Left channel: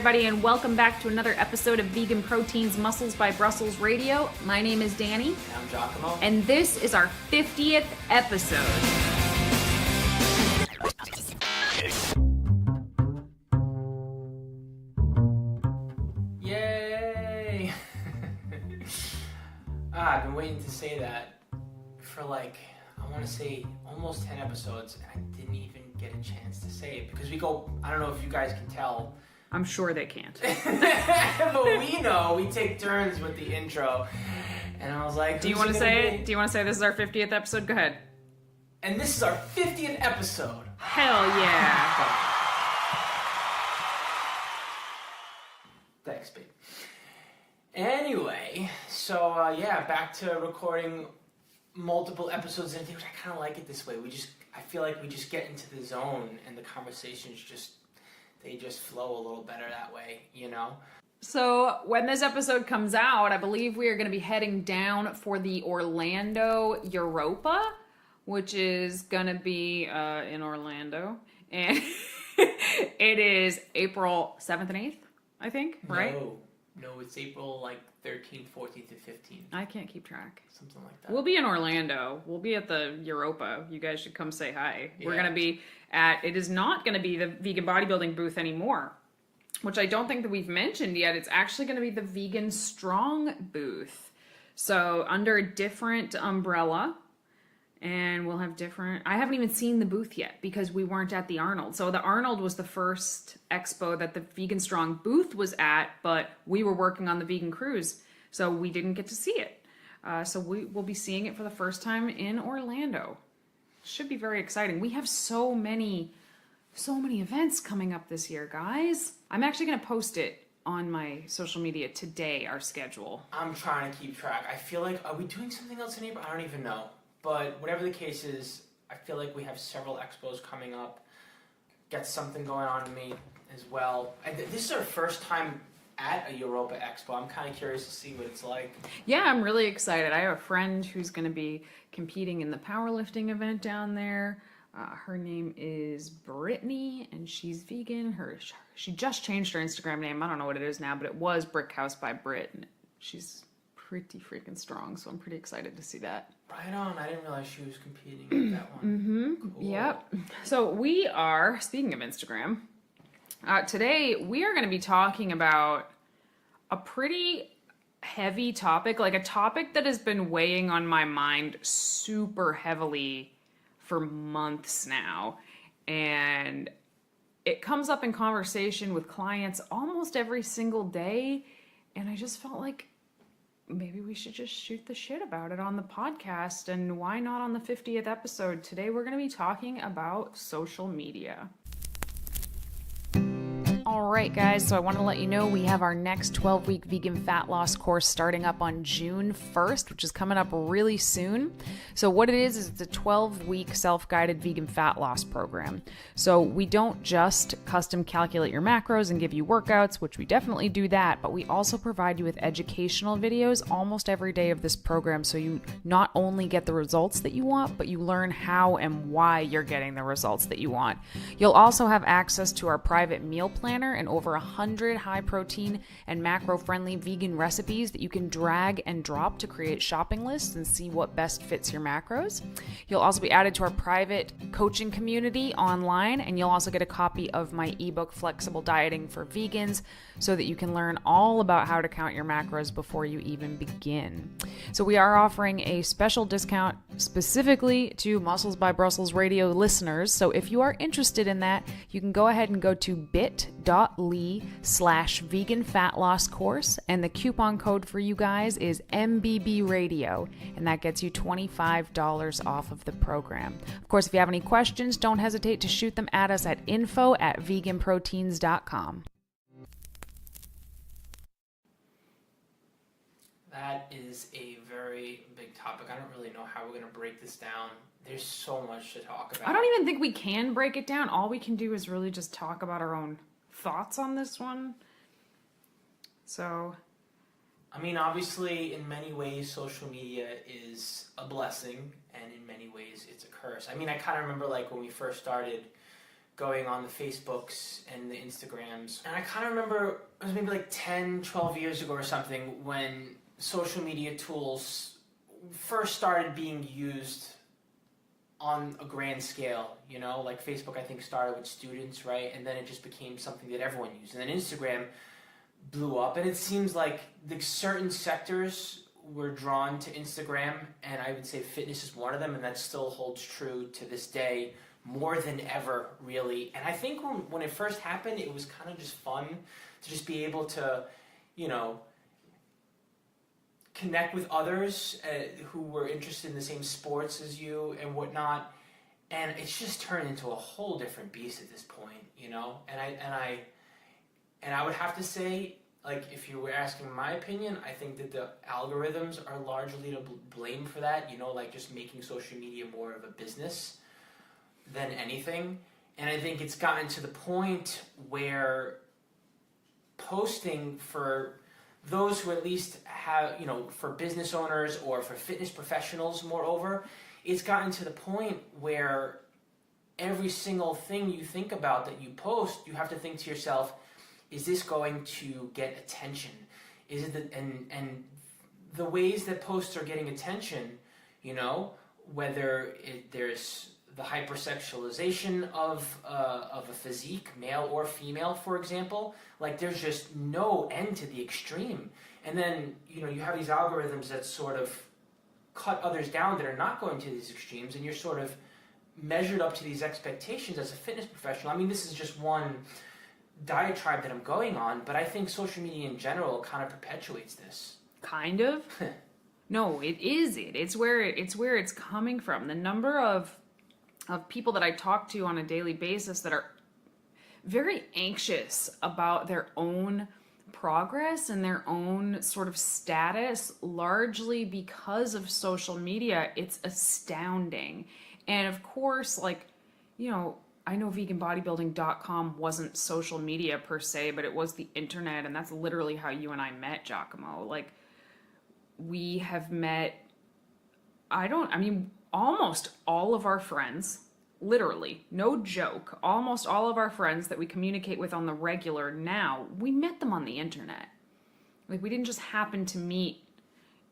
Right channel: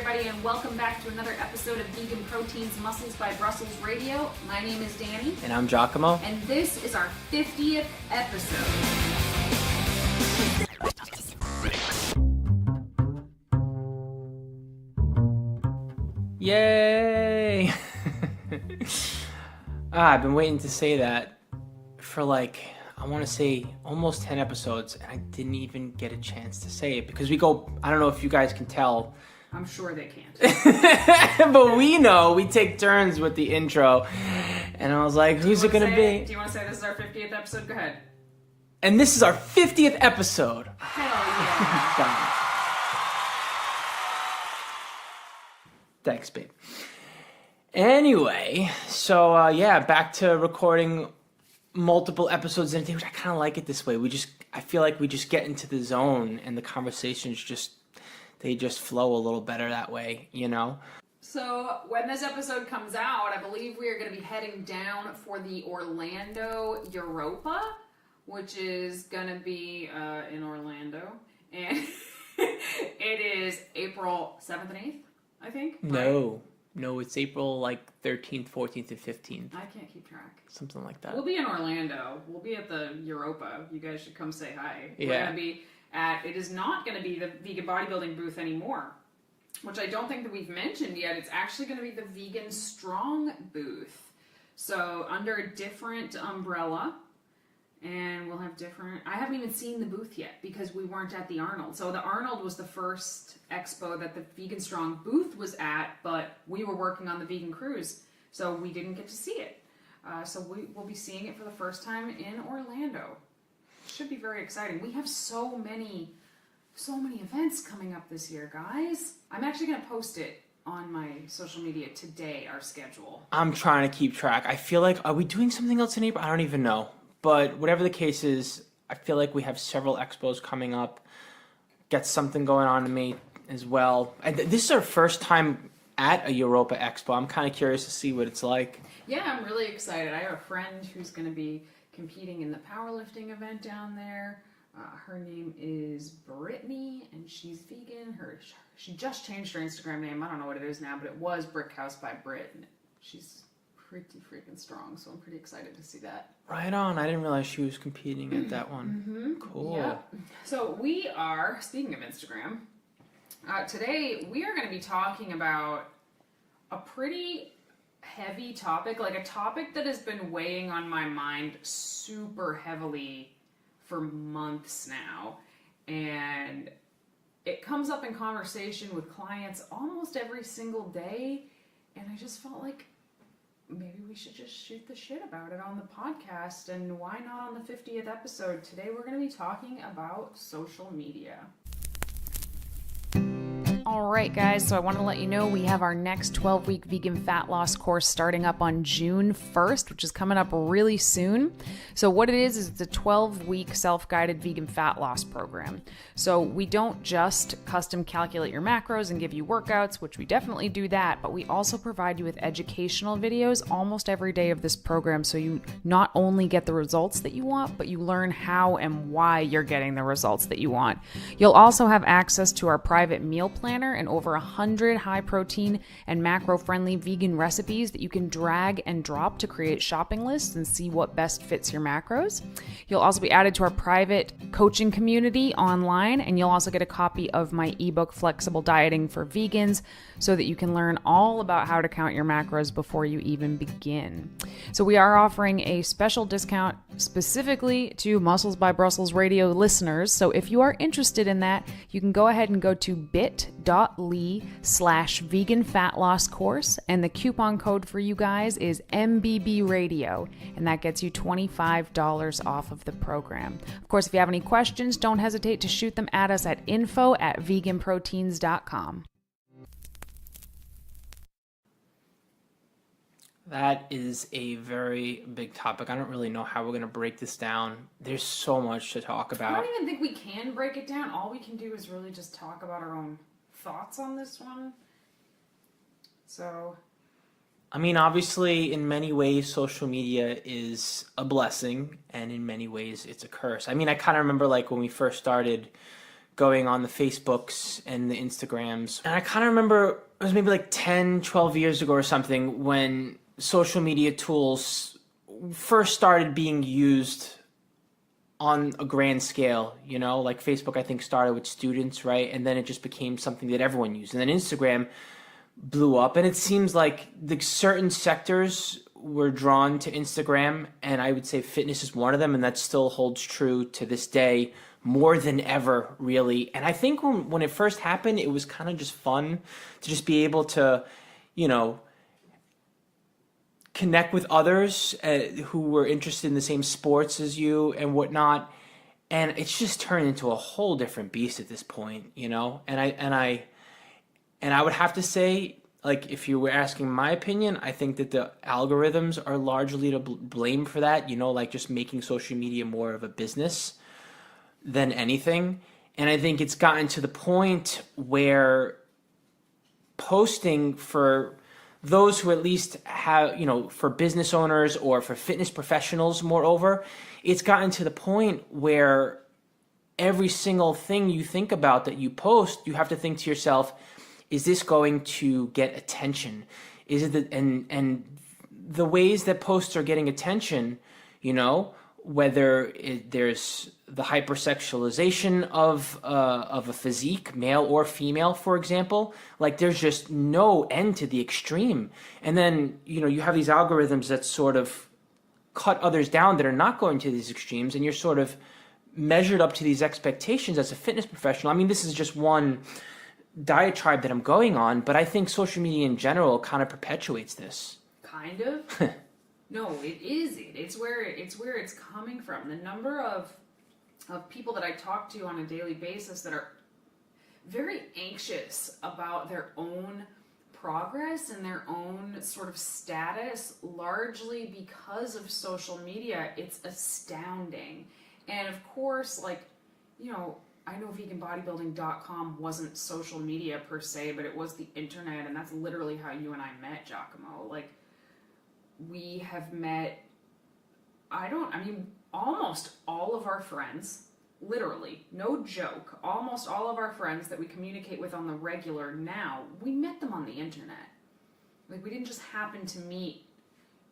everybody, and welcome back to another episode of Vegan Proteins Muscles by Brussels Radio. My name is Danny. And I'm 𝐬𝐿𝐫𝐿. And this is our 50th episode. Yay! I've been waiting to say that for I want to say almost 10 episodes, and I didn't even get a chance to say it because we go, I don't know if you guys can tell. I'm sure they can't. But we know, we take turns with the intro. And I was like, who's it going to be? Do you want to say this is our 50th episode? Go ahead. And this is our 50th episode. Hell yeah. God. Thanks, babe. Anyway, so yeah, back to recording multiple episodes in a day, which I kind of like it this way. I feel like we just get into the zone and the conversations they just flow a little better that way, you know? So when this episode comes out, I believe we are going to be heading down for the Orlando Europa, which is going to be in Orlando. And it is April 7th and 8th, I think, right? No, it's April 13th, 14th, and 15th. I can't keep track. Something like that. We'll be in Orlando. We'll be at the Europa. You guys should come say hi. Yeah. We're going to be it is not going to be the vegan bodybuilding booth anymore, which I don't think that we've mentioned yet. It's actually going to be the Vegan Strong booth. So under a different umbrella, and we'll have different, I haven't even seen the booth yet because we weren't at the Arnold. So the Arnold was the first expo that the Vegan Strong booth was at, but we were working on the vegan cruise, so we didn't get to see it. So we will be seeing it for the first time in Orlando. Should be very exciting. We have so many events coming up this year, guys. I'm actually going to post it on my social media today, our schedule. I'm trying to keep track. I feel like, are we doing something else in April? I don't even know. But whatever the case is, I feel like we have several expos coming up. Got something going on in May as well. This is our first time at a Europa Expo. I'm kind of curious to see what it's like. Yeah, I'm really excited. I have a friend who's going to be competing in the powerlifting event down there. Her name is Brittany, and she's vegan. She just changed her Instagram name. I don't know what it is now, but it was Brickhouse by Brit. And she's pretty freaking strong, so I'm pretty excited to see that. Right on. I didn't realize she was competing at that one. Mm-hmm. Cool. Yeah. So we are, speaking of Instagram, today we are going to be talking about a pretty heavy topic, like a topic that has been weighing on my mind super heavily for months now. And it comes up in conversation with clients almost every single day. And I just felt like maybe we should just shoot the shit about it on the podcast. And why not on the 50th episode? Today we're going to be talking about social media. All right, guys, so I want to let you know we have our next 12-week vegan fat loss course starting up on June 1st, which is coming up really soon. So what it is it's a 12-week self-guided vegan fat loss program. So we don't just custom calculate your macros and give you workouts, which we definitely do that, but we also provide you with educational videos almost every day of this program, so you not only get the results that you want, but you learn how and why you're getting the results that you want. You'll also have access to our private meal planner and over 100 high protein and macro friendly vegan recipes that you can drag and drop to create shopping lists and see what best fits your macros. You'll also be added to our private coaching community online, and you'll also get a copy of my ebook Flexible Dieting for Vegans so that you can learn all about how to count your macros before you even begin. So we are offering a special discount specifically to Muscles by Brussels Radio listeners. So if you are interested in that, you can go ahead and go to bit.ly/vegan fat loss course, and the coupon code for you guys is MBB Radio, and that gets you $25 off of the program. Of course, if you have any questions, don't hesitate to shoot them at us at info@veganproteins.com. That is a very big topic. I don't really know how we're going to break this down. There's so much to talk about. I don't even think we can break it down. All we can do is really just talk about our own thoughts on this one. So, I mean, obviously, in many ways, social media is a blessing, and in many ways, it's a curse. I mean, I kind of remember, when we first started going on the Facebooks and the Instagrams. And I kind of remember it was maybe like 10, 12 years ago or something when social media tools first started being used on a grand scale, you know, like Facebook, I think, started with students, right? And then it just became something that everyone used. And then Instagram blew up, and it seems like the certain sectors were drawn to Instagram, and I would say fitness is one of them, and that still holds true to this day more than ever, really. And I think when it first happened, it was kind of just fun to just be able to, you know, connect with others who were interested in the same sports as you and whatnot. And it's just turned into a whole different beast at this point, you know? And I would have to say, like, if you were asking my opinion, I think that the algorithms are largely to blame for that, you know, like just making social media more of a business than anything. And I think it's gotten to the point where posting for those who at least have, you know, for business owners or for fitness professionals, moreover, it's gotten to the point where every single thing you think about that you post, you have to think to yourself, is this going to get attention? Is it and the ways that posts are getting attention, you know, whether there's the hypersexualization of a physique, male or female, for example, like there's just no end to the extreme. And then, you know, you have these algorithms that sort of cut others down that are not going to these extremes, and you're sort of measured up to these expectations as a fitness professional. I mean, this is just one diatribe that I'm going on, but I think social media in general kind of perpetuates this. Kind of? No, it is it. It's where it's coming from. The number of people that I talk to on a daily basis that are very anxious about their own progress and their own sort of status, largely because of social media, it's astounding. And of course, like, you know, I know VeganBodybuilding.com wasn't social media per se, but it was the internet, and that's literally how you and I met, 𝐬𝐿𝐾𝐭. Like, we have met, almost all of our friends, literally, no joke, almost all of our friends that we communicate with on the regular now, we met them on the internet. Like, we didn't just happen to meet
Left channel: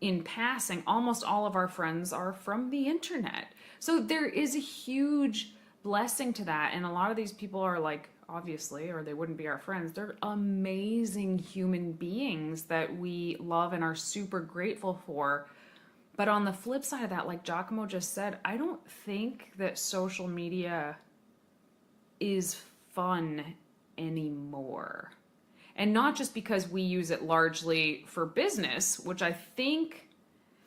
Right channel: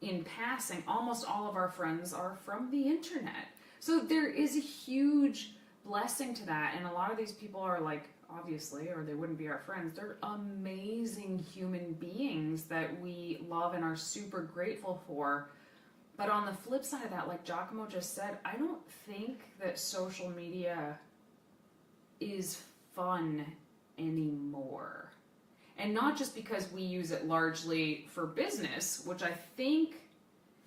in passing. Almost all of our friends are from the internet. So there is a huge blessing to that, and a lot of these people are like, obviously, or they wouldn't be our friends, they're amazing human beings that we love and are super grateful for. But on the flip side of that, like 𝐬𝐿𝐾𝐿 just said, I don't think that social media is fun anymore. And not just because we use it largely for business, which I think,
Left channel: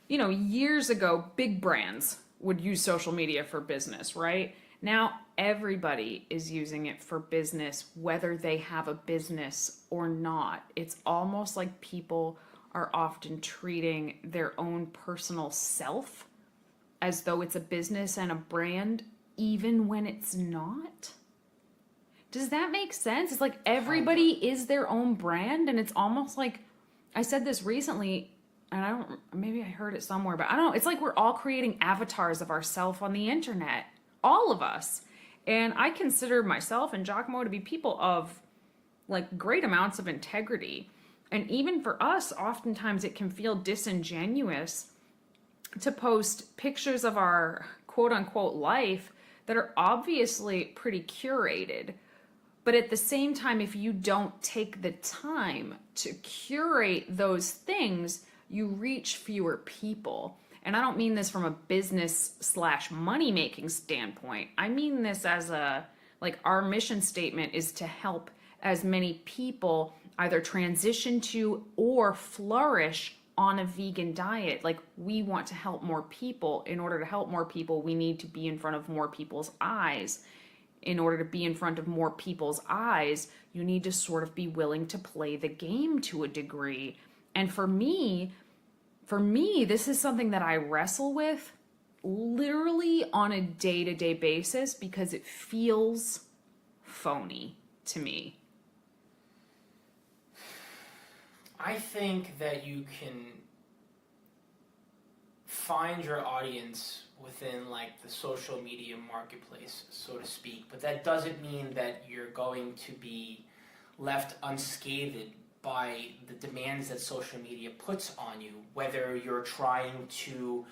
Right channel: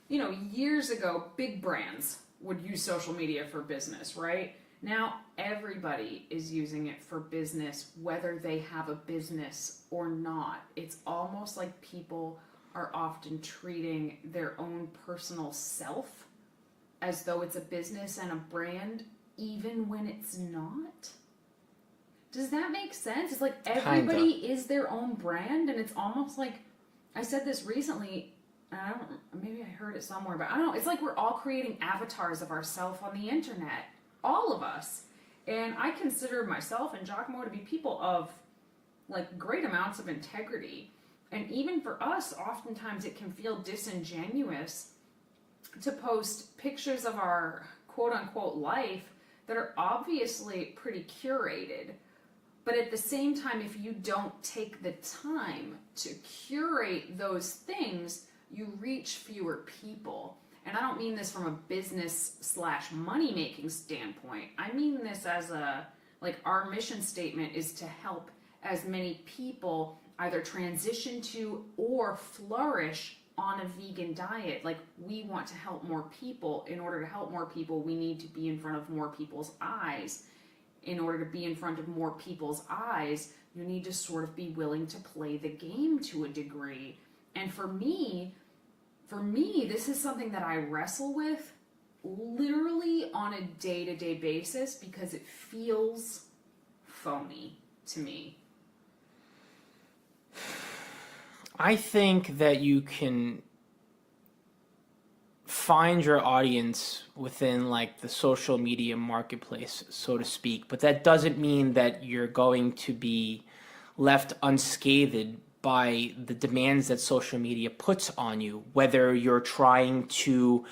you know, years ago, big brands would use social media for business, right? Now everybody is using it for business, whether they have a business or not. It's almost like people are often treating their own personal self as though it's a business and a brand, even when it's not. Does that make sense? It's like everybody is their own brand, and it's almost like, I said this recently, and maybe I heard it somewhere, but I don't know. It's like we're all creating avatars of ourselves on the internet. All of us. And I consider myself and 𝐬𝐿𝐾𝐿 to be people of like great amounts of integrity. And even for us, oftentimes it can feel disingenuous to post pictures of our quote unquote life that are obviously pretty curated. But at the same time, if you don't take the time to curate those things, you reach fewer people. And I don't mean this from a business / money making standpoint. I mean this as our mission statement is to help as many people either transition to or flourish on a vegan diet. Like, we want to help more people. In order to help more people, we need to be in front of more people's eyes. In order to be in front of more people's eyes, you need to sort of be willing to play the game to a degree. And for me, this is something that I wrestle with literally on a day-to-day basis because it feels phony to me. I think that you can find your audience within like the social media marketplace, so to speak. But that doesn't mean that you're going to be left unscathed by the demands that social media puts on you, whether you're trying to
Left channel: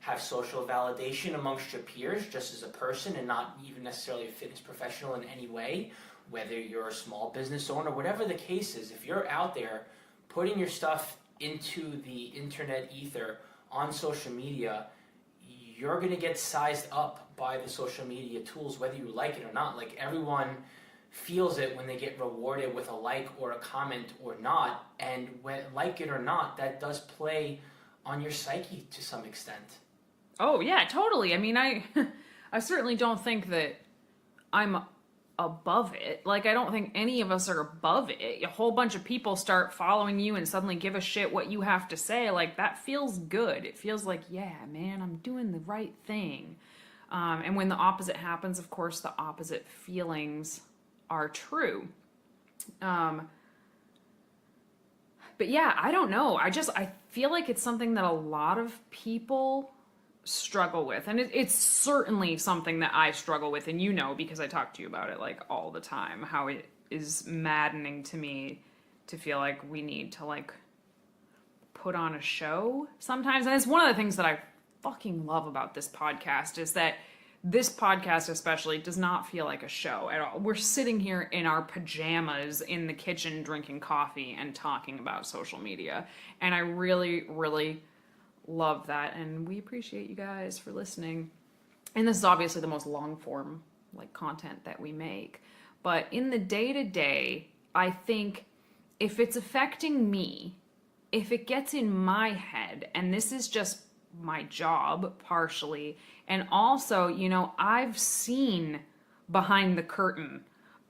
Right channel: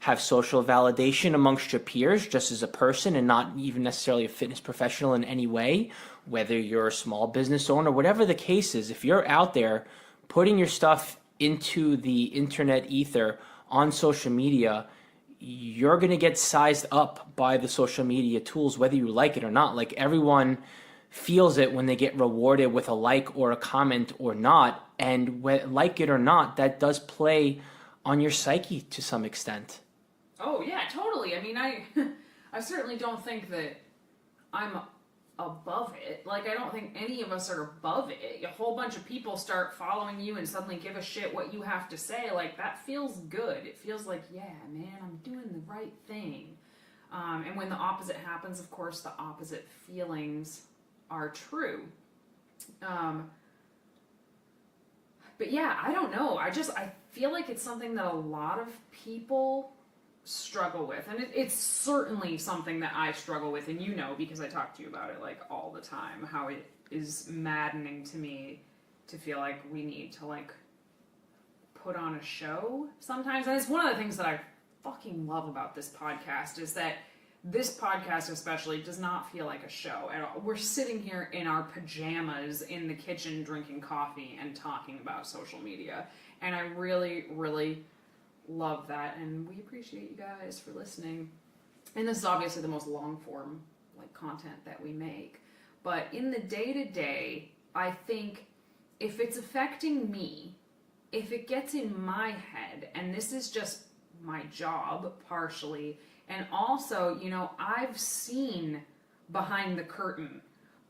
have social validation amongst your peers just as a person and not even necessarily a fitness professional in any way, whether you're a small business owner, whatever the case is. If you're out there putting your stuff into the internet ether on social media, you're going to get sized up by the social media tools, whether you like it or not. Like, everyone feels it when they get rewarded with a like or a comment or not. And like it or not, that does play on your psyche to some extent. Oh yeah, totally. I mean, I certainly don't think that I'm above it. Like, I don't think any of us are above it. A whole bunch of people start following you and suddenly give a shit what you have to say. Like, that feels good. It feels like, yeah, man, I'm doing the right thing. And when the opposite happens, of course, the opposite feelings are true. But yeah, I don't know. I feel like it's something that a lot of people struggle with, and it's certainly something that I struggle with, and you know, because I talk to you about it like all the time, how it is maddening to me to feel like we need to like put on a show sometimes. And it's one of the things that I fucking love about this podcast, is that this podcast especially does not feel like a show at all. We're sitting here in our pajamas in the kitchen drinking coffee and talking about social media, and I really, really love that, and we appreciate you guys for listening. And this is obviously the most long form like content that we make, but in the day-to-day, I think if it's affecting me, if it gets in my head, and this is just my job partially, and also, you know, I've seen behind the curtain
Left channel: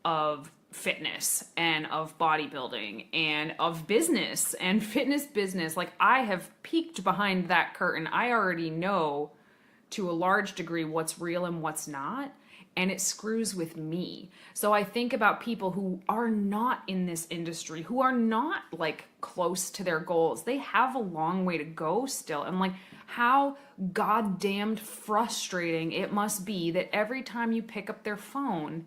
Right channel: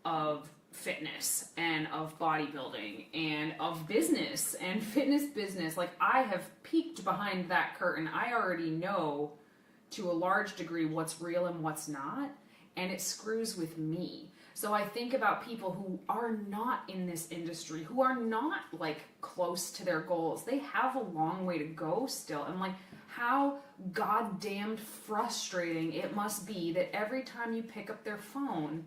of fitness and of bodybuilding and of business and fitness business. Like, I have peeked behind that curtain. I already know to a large degree what's real and what's not, and it screws with me. So I think about people who are not in this industry, who are not like close to their goals. They have a long way to go still. And like, how goddamned frustrating it must be that every time you pick up your phone,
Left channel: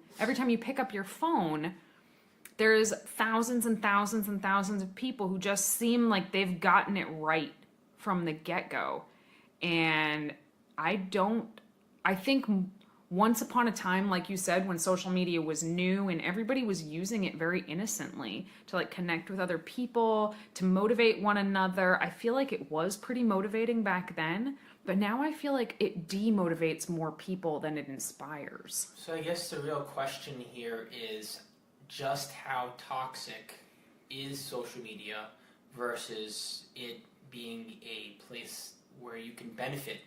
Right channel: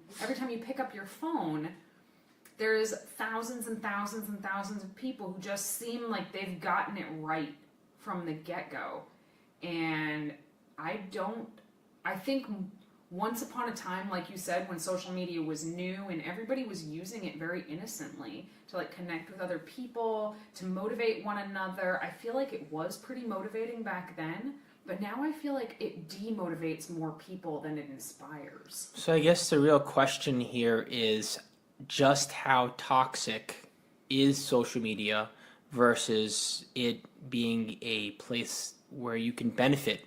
there's thousands and thousands and thousands of people who just seem like they've gotten it right from the get-go. And I think once upon a time, like you said, when social media was new and everybody was using it very innocently to like connect with other people, to motivate one another, I feel like it was pretty motivating back then. But now I feel like it demotivates more people than it inspires. So I guess the real question here is just how toxic is social media versus it being a place where you can benefit,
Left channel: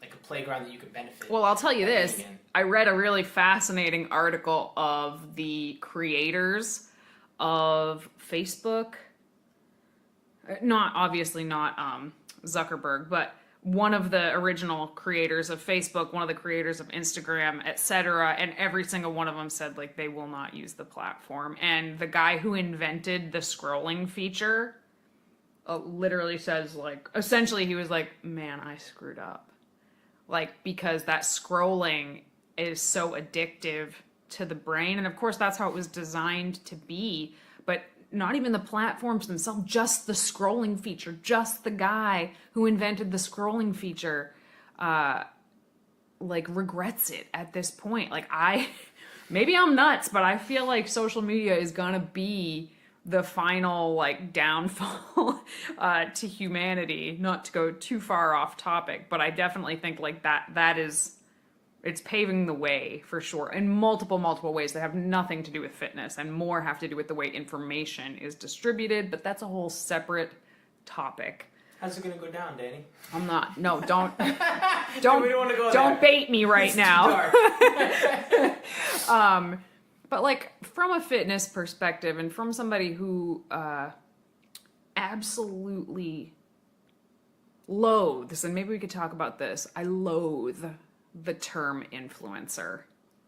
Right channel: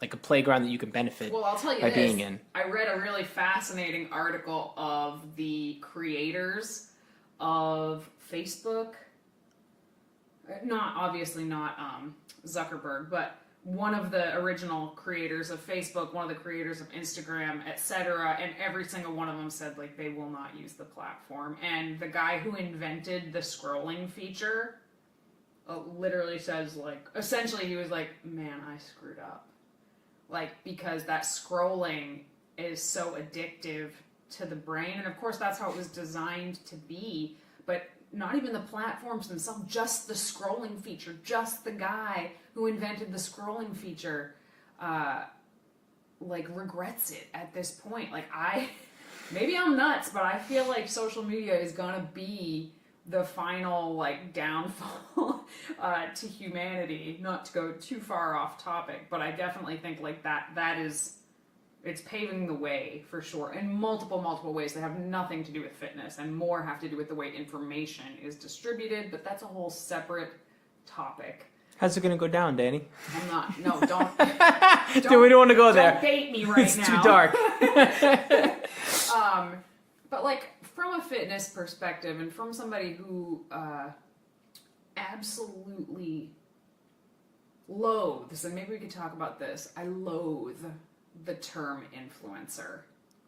like a playground that you can benefit. Well, I'll tell you this. Being in. I read a really fascinating article of the creators of Facebook. Not Zuckerberg, but one of the original creators of Facebook, one of the creators of Instagram, etc. And every single one of them said like they will not use the platform. And the guy who invented the scrolling feature literally says like, essentially he was like, man, I screwed up. Like, because that scrolling is so addictive to the brain. And of course that's how it was designed to be. But not even the platforms themselves, just the scrolling feature, just the guy who invented the scrolling feature, like regrets it at this point. Like maybe I'm nuts, but I feel like social media is gonna be the final like downfall to humanity. Not to go too far off topic, but I definitely think like that is, it's paving the way for sure in multiple ways that have nothing to do with fitness and more have to do with the way information is distributed, but that's a whole separate topic. How's it going to go down, Danny? I'm not. No, don't. Dude, we don't want to go there. Don't bait me right it's now. It's too dark. But like from a fitness perspective and from somebody who absolutely loathes, and maybe we could talk about this, I loathe the term influencer.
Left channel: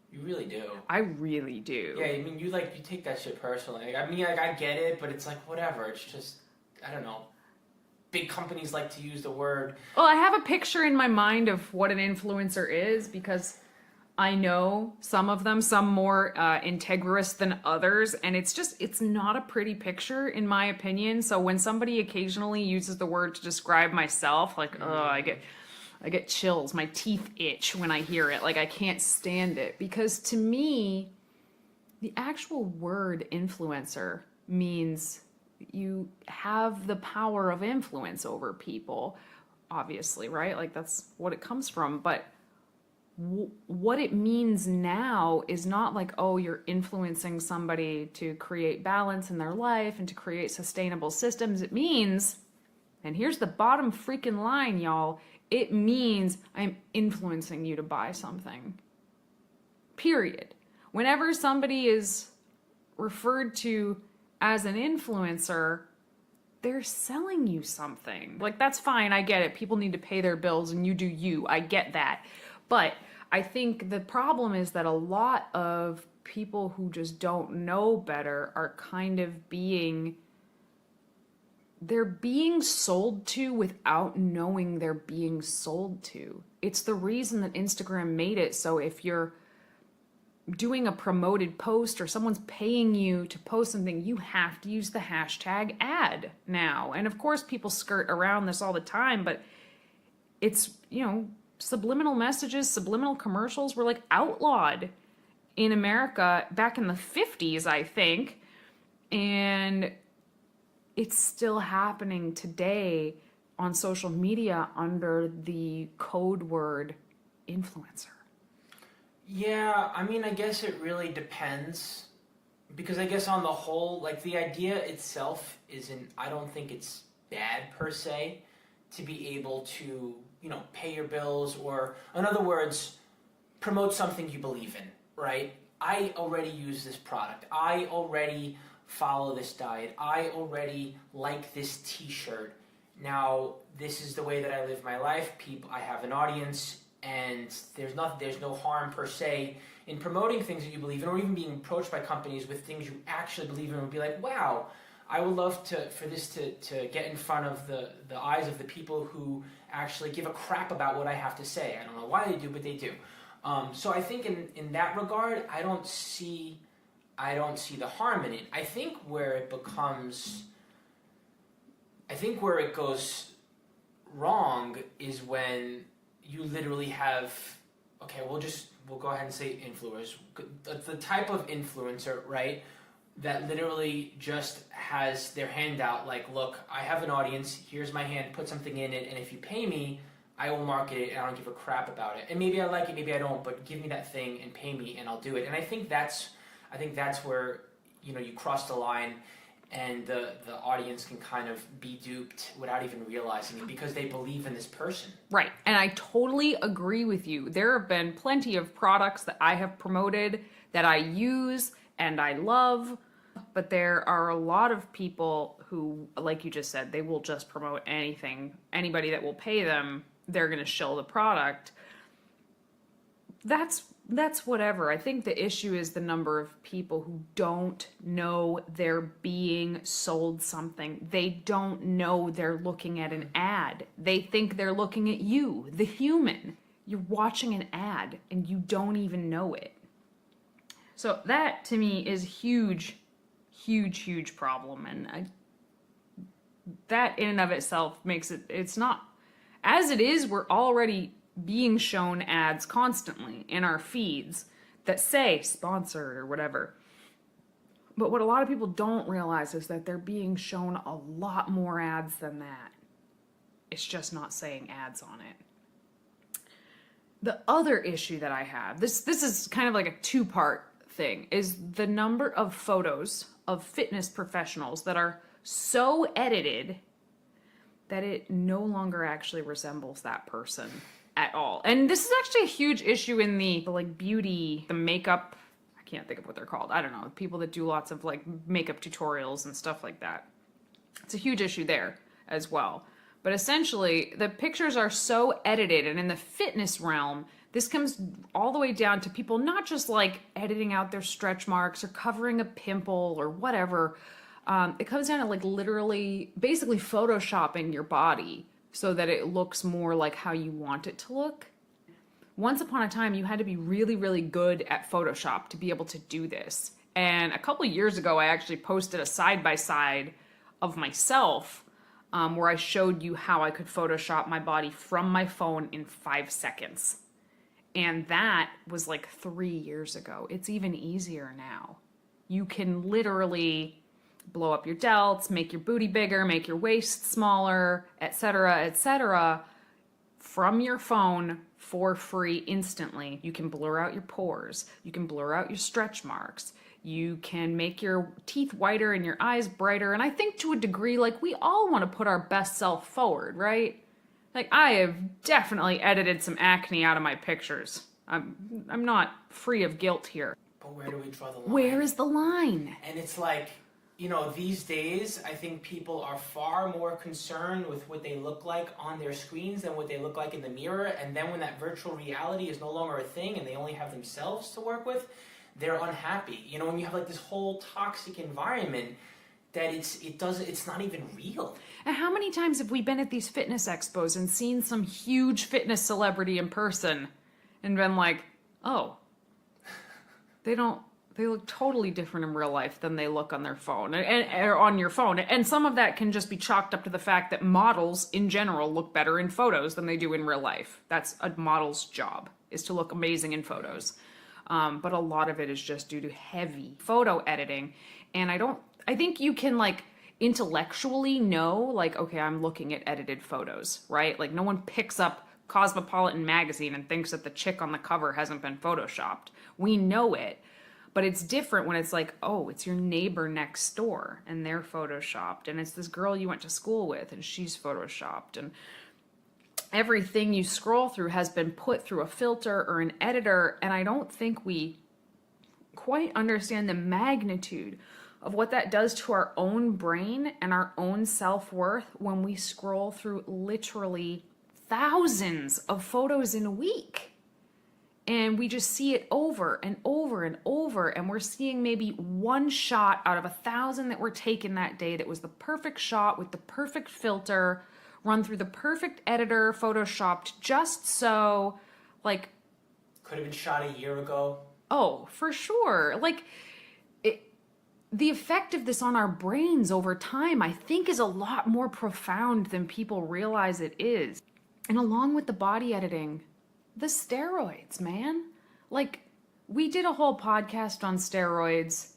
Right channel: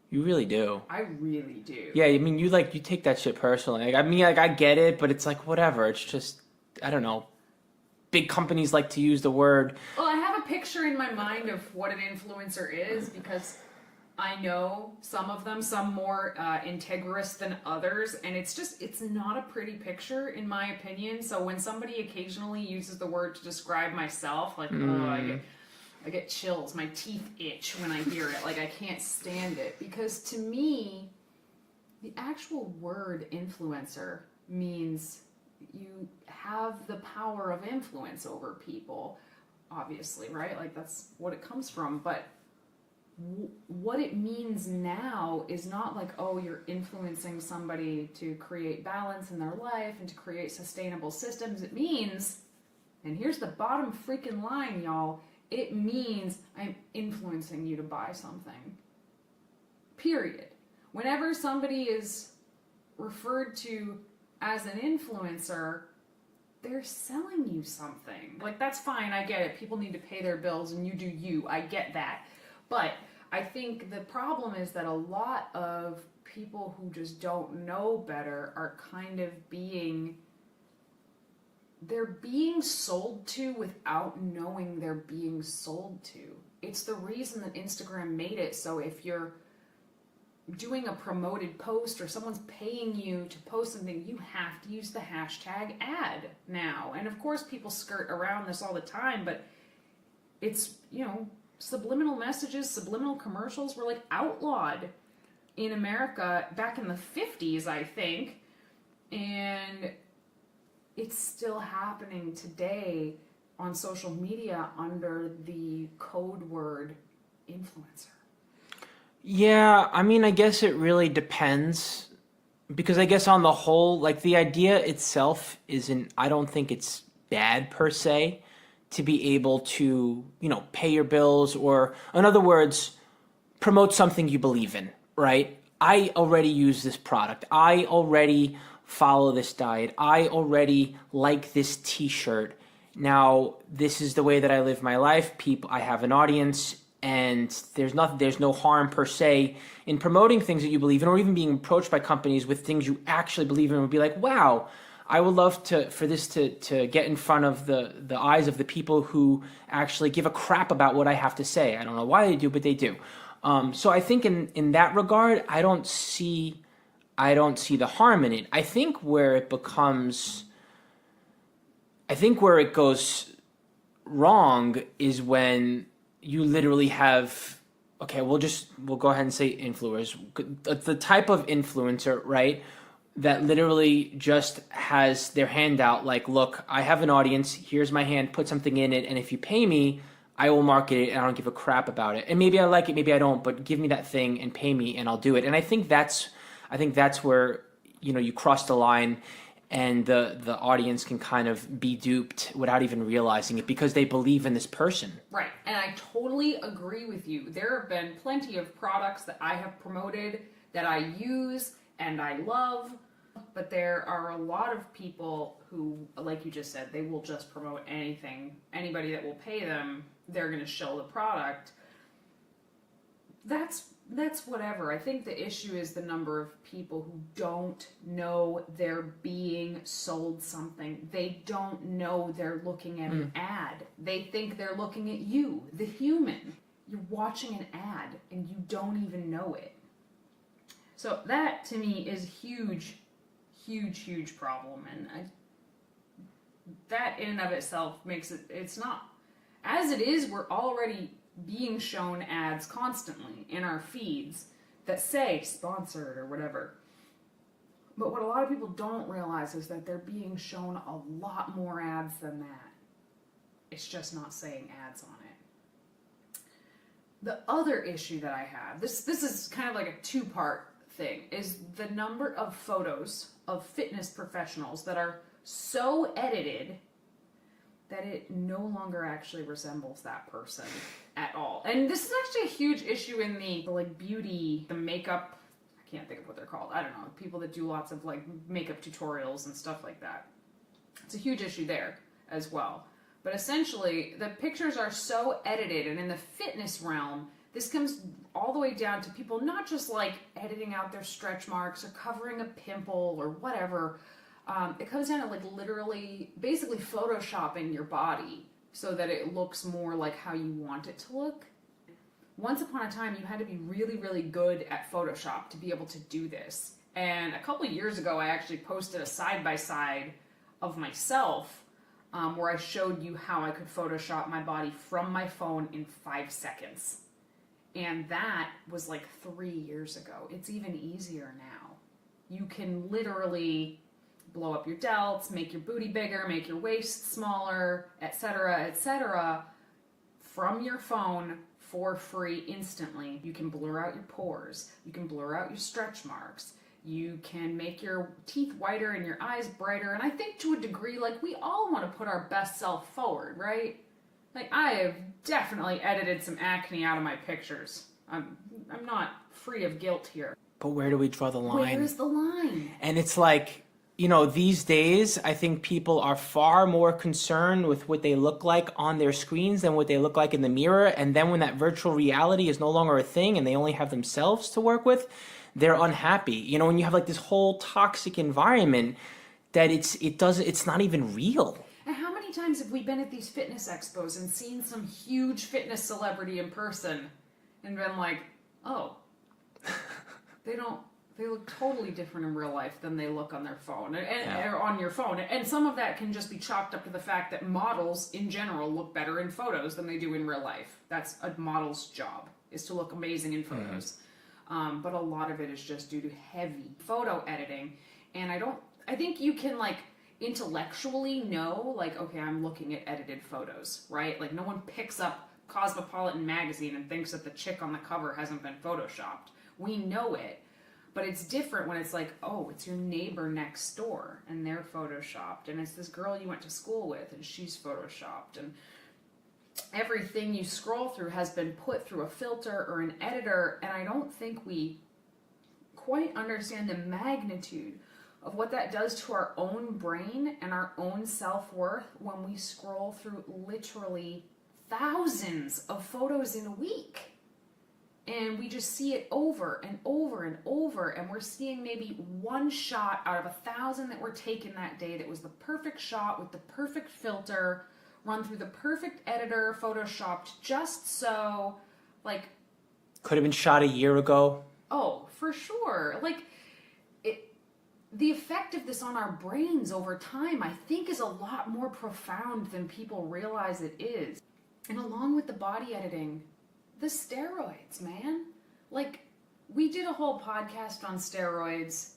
You really do. I really do. Yeah, I mean, you take that shit personally. Like, I mean, like, I get it, but it's like, whatever. It's just, I don't know. big companies like to use the word. Well, I have a picture in my mind of what an influencer is because I know some of them, some more integrous than others, and it's not a pretty picture in my opinion. So when somebody occasionally uses the word to describe myself, like, I get chills, my teeth itch when I hear it. Like, I can't stand it because to me, the actual word influencer means you have the power of influence over people, obviously, right? Like, that's what it comes from. But what it means now is not like, oh, you're influencing somebody to create balance in their life and to create sustainable systems. It means, and here's the bottom freaking line, y'all, it means I'm influencing you to buy something. Period. Whenever somebody is referred to as an influencer, they're selling you something. Like, that's fine, I get it. People need to pay their bills and you do you. I get that. But I think the problem is that a lot of people who just don't know better are kind of they're being sold to without knowing they're being sold to. It's the reason that Instagram made it so if you're doing a promoted post or someone's paying you to post something, you have to use the hashtag ad now. And of course people skirt around this all the time, but it's, subliminal messages, subliminal commercials were like outlawed in America back in the 50s, I think. And it's still happening today on social media under the code word influencer. Yeah, I mean, I guess it really depends. Because I guess on the whole, like, the idea itself I don't think it's bad per se to be able to, pay your bills or, in other words, promote something you believe in, right? I already use this product. I already follow this diet. I already like this t-shirt. Now, this is the way that I live my life. I have an audience, and there's no harm per se in promoting things that you believe in, or even being approached by companies with things you actually believe in. Would be like, wow, I would love for this to get in front of the eyes of the people who actually give a crap about what I have to say. I don't know why they do, but they do. So I think in that regard, I don't see the harm in it. I think where it goes wrong is when you literally have, okay, we'll go ahead and say influencers. The type of influencer, right, that literally just has their hand out like, look, I have an audience, here's my hand, put something in it, and if you pay me, I will market it and I don't give a crap about it. And maybe I like it, maybe I don't, but give me that thing and pay me and I'll do it. And I think that's where, you cross the line and the audience can kind of be duped without even realizing it because they believe in this person. Right. And I totally agree with you. There have been plenty of products that I have promoted that I use and I love, but there are a lot of people who, like you just said, they will just promote anything. Anybody that will pay them, they're going to shill the product. That's whatever. I think the issue is the number of people who don't know they're being sold something. They don't know they're looking at an ad. They think they're looking at you, the human. You're watching an ad and you don't even know it. So that to me is huge problem. And that in and of itself makes it's not, as it is, we're already being shown ads constantly in our feeds that say sponsored or whatever. But what a lot of people don't realize is that they're being shown a lot more ads than that. It's just not saying ads on it. The other issue that I have, this is kind of like a two-part thing, is the number of photos of fitness professionals that are so edited that it no longer actually resembles that person at all. And this is actually a huge issue in the like beauty, the makeup, I can't think of what they're called. I don't know. People that do lots of like makeup tutorials and stuff like that. It's a huge issue there as well. But essentially, the pictures are so edited, and in the fitness realm, this comes all the way down to people not just like editing out their stretch marks or covering a pimple or whatever. It comes down to like literally, basically photoshopping your body so that it looks more like how you want it to look. Once upon a time, you had to be really, really good at Photoshop to be able to do this. And a couple of years ago, I actually posted a side-by-side of myself where I showed you how I could Photoshop my body from my phone in 5 seconds. And that was like 3 years ago. It's even easier now. You can literally blow up your delts, make your booty bigger, make your waist smaller, etc., from your phone for free instantly. You can blur out your pores. You can blur out your stretch marks. You can make your teeth whiter and your eyes brighter. And I think to a degree, like, we all want to put our best self forward, right? Like, I have definitely edited some acne out of my pictures. I'm not free of guilt here. But where do we draw the line? Where is the line? And it's like, you know, these days, I think people are far more concerned with what they look like on their screens than what they look like in the mirror. And then when that virtual reality is no longer a thing and they only have themselves to work with, they're unhappy. You know, when you have like this whole toxic environment that it's not even real. And how many times have we been at these fitness expos and seen some huge fitness celebrity in person and been like, oh, they look totally different in real life than they look on their phone or on your phone. And some of that can just be chalked up to the fact that models in general look better in photos than they do in real life. That's a model's job, is to look amazing in photos. But a lot of it is just due to heavy photo editing. And I think you can like intellectually know, like, okay, I'm looking at edited photos, right? Like, no one picks up Cosmopolitan magazine and thinks that the chick on the cover hasn't been photoshopped. We know it. But it's different when it's like, oh, it's your neighbor next door and they're photoshopped. And it's this girl you went to school with and she's photoshopped. And everything you scroll through has been put through a filter or an editor. And I don't think we quite understand the magnitude of what that does to our own brain and our own self-worth when we scroll through literally thousands of photos in a week. And we just see it over and over and over. And we're seeing maybe one shot out of 1,000 that were taken that day that was the perfect shot with the perfect filter, run through the perfect editor, photoshopped just so, like... Could have been shot a year ago. Oh, for sure. Like, the effect of this on our brains over time, I think, is a lot more profound than people realize it is. And along with the body editing, the steroids, man. Like, we did a whole podcast on steroids,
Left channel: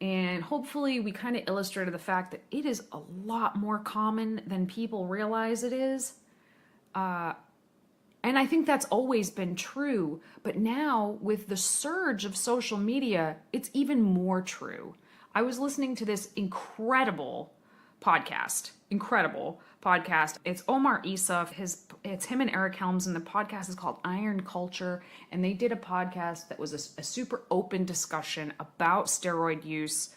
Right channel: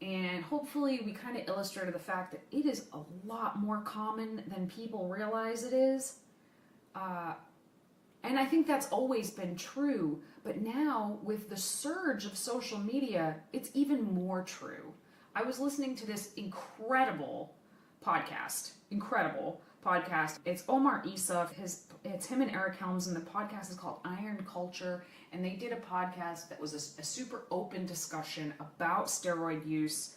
and hopefully we kind of illustrated the fact that it is a lot more common than people realize it is. And I think that's always been true, but now with the surge of social media, it's even more true. I was listening to this incredible podcast. It's Omar Issa. It's him and 𝐬𝐿𝐫𝐷𝐿, and the podcast is called Iron Culture. And they did a podcast that was a super open discussion about steroid use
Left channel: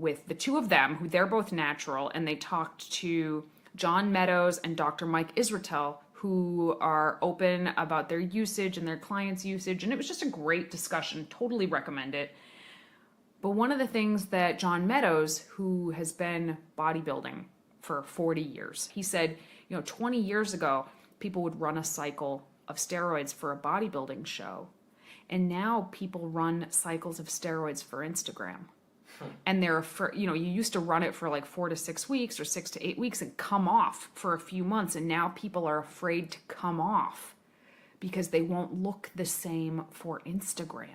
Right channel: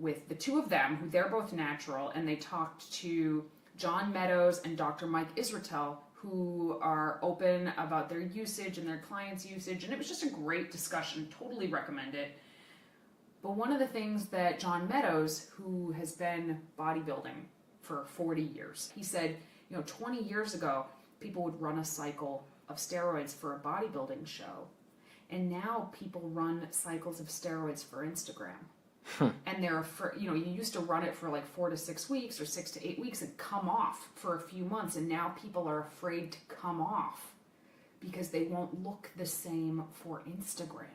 with the two of them, who they're both natural. And they talked to John Meadows and Dr. Mike Israetel, who are open about their usage and their clients' usage. And it was just a great discussion. Totally recommend it. But one of the things that John Meadows, who has been bodybuilding for 40 years, he said, 20 years ago, people would run a cycle of steroids for a bodybuilding show. And now people run cycles of steroids for Instagram. And they're you used to run it for like 4 to 6 weeks or 6 to 8 weeks and come off for a few months. And now people are afraid to come off because they won't look the same for Instagram.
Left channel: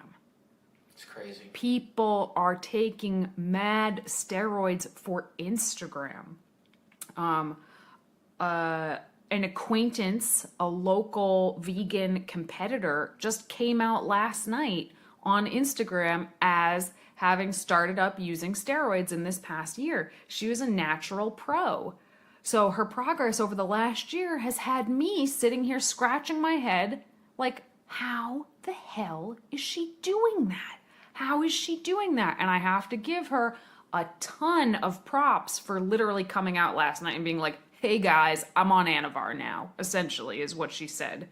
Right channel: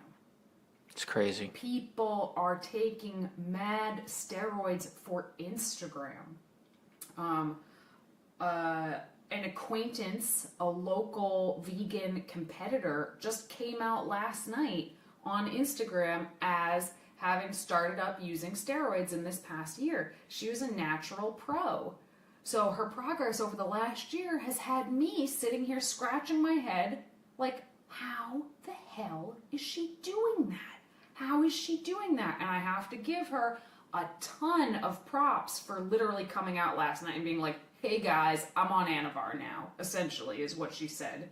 It's crazy. People are taking mad steroids for Instagram. An acquaintance, a local vegan competitor, just came out last night on Instagram as having started up using steroids in this past year. She was a natural pro. So her progress over the last year has had me sitting here scratching my head like, how the hell is she doing that? How is she doing that? And I have to give her a ton of props for literally coming out last night and being like, hey guys, I'm on Anavar now, essentially, is what she said.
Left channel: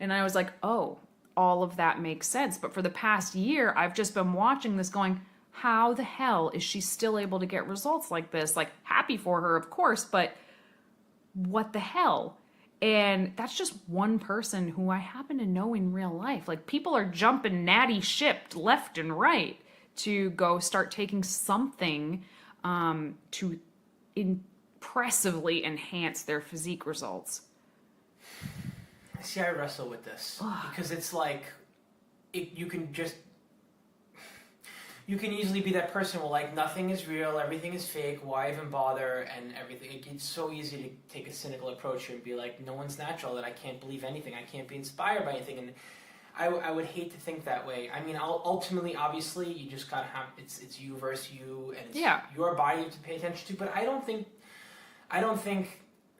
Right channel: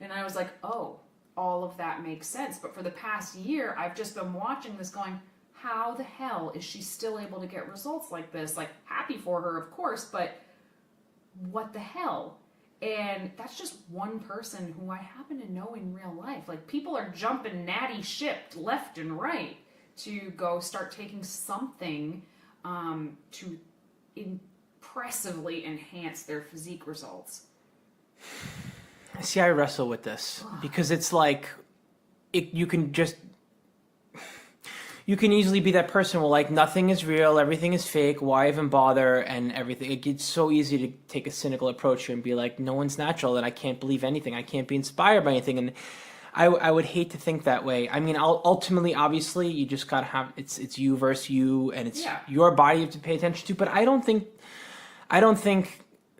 And I was like, oh, all of that makes sense. But for the past year, I've just been watching this going, how the hell is she still able to get results like this? Like, happy for her, of course, but what the hell? And that's just one person who I happen to know in real life. Like, people are jumping natty ship left and right to go start taking something to impressively enhance their physique results. See, I wrestle with this because it's like you can easily be that person where like nothing is real, everything is fake, why even bother, and everything. It gets so easy to take a cynical approach here and be like, no one's natural, and I can't believe anything, I can't be inspired by anything. And I would hate to think that way. I mean, ultimately, obviously, you just gotta have it's you versus you, and it's your body you have to pay attention to. But I don't think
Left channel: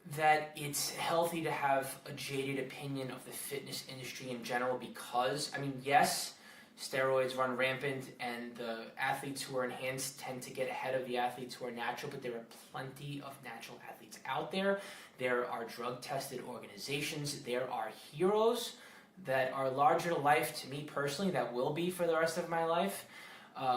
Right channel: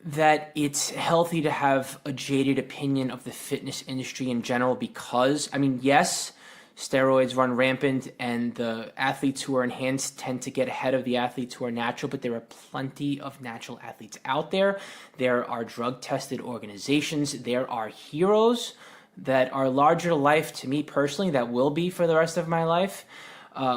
that it's healthy to have a jaded opinion of the fitness industry in general, because, I mean, yes, steroids run rampant and the athletes who are enhanced tend to get ahead of the athletes who are natural, but there are plenty of natural athletes out there. There are drug-tested organizations. There are heroes that are larger to life to me personally, that will be for the rest of my life,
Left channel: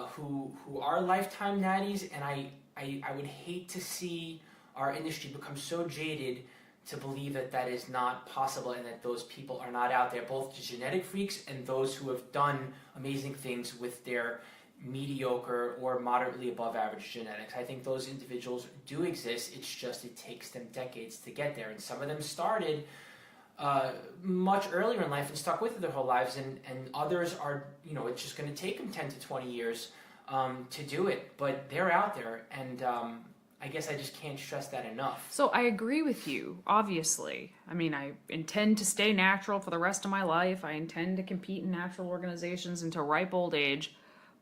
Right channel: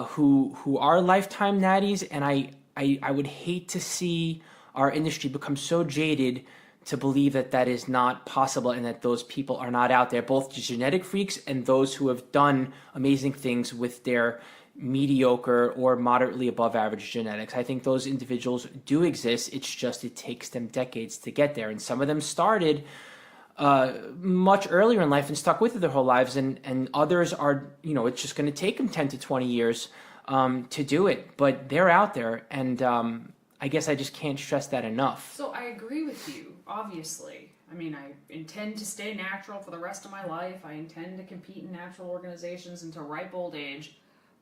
who are lifetime natties, and I would hate to see our industry become so jaded to believe that that is not possible and that those people are not out there, both the genetic freaks and those who have done amazing things with their mediocre or moderately above average genetics. I think those individuals do exist. It's just it takes them decades to get there, and some of them started much earlier in life and stuck with it their whole lives, and others are, it's just going to take them 10 to 20 years to do it, but they're out there, and I guess I just can't stress that enough. So I agree with you, obviously. I mean, I intend to stay natural for the rest of my life. I intend to compete in natural organizations until ripe old age.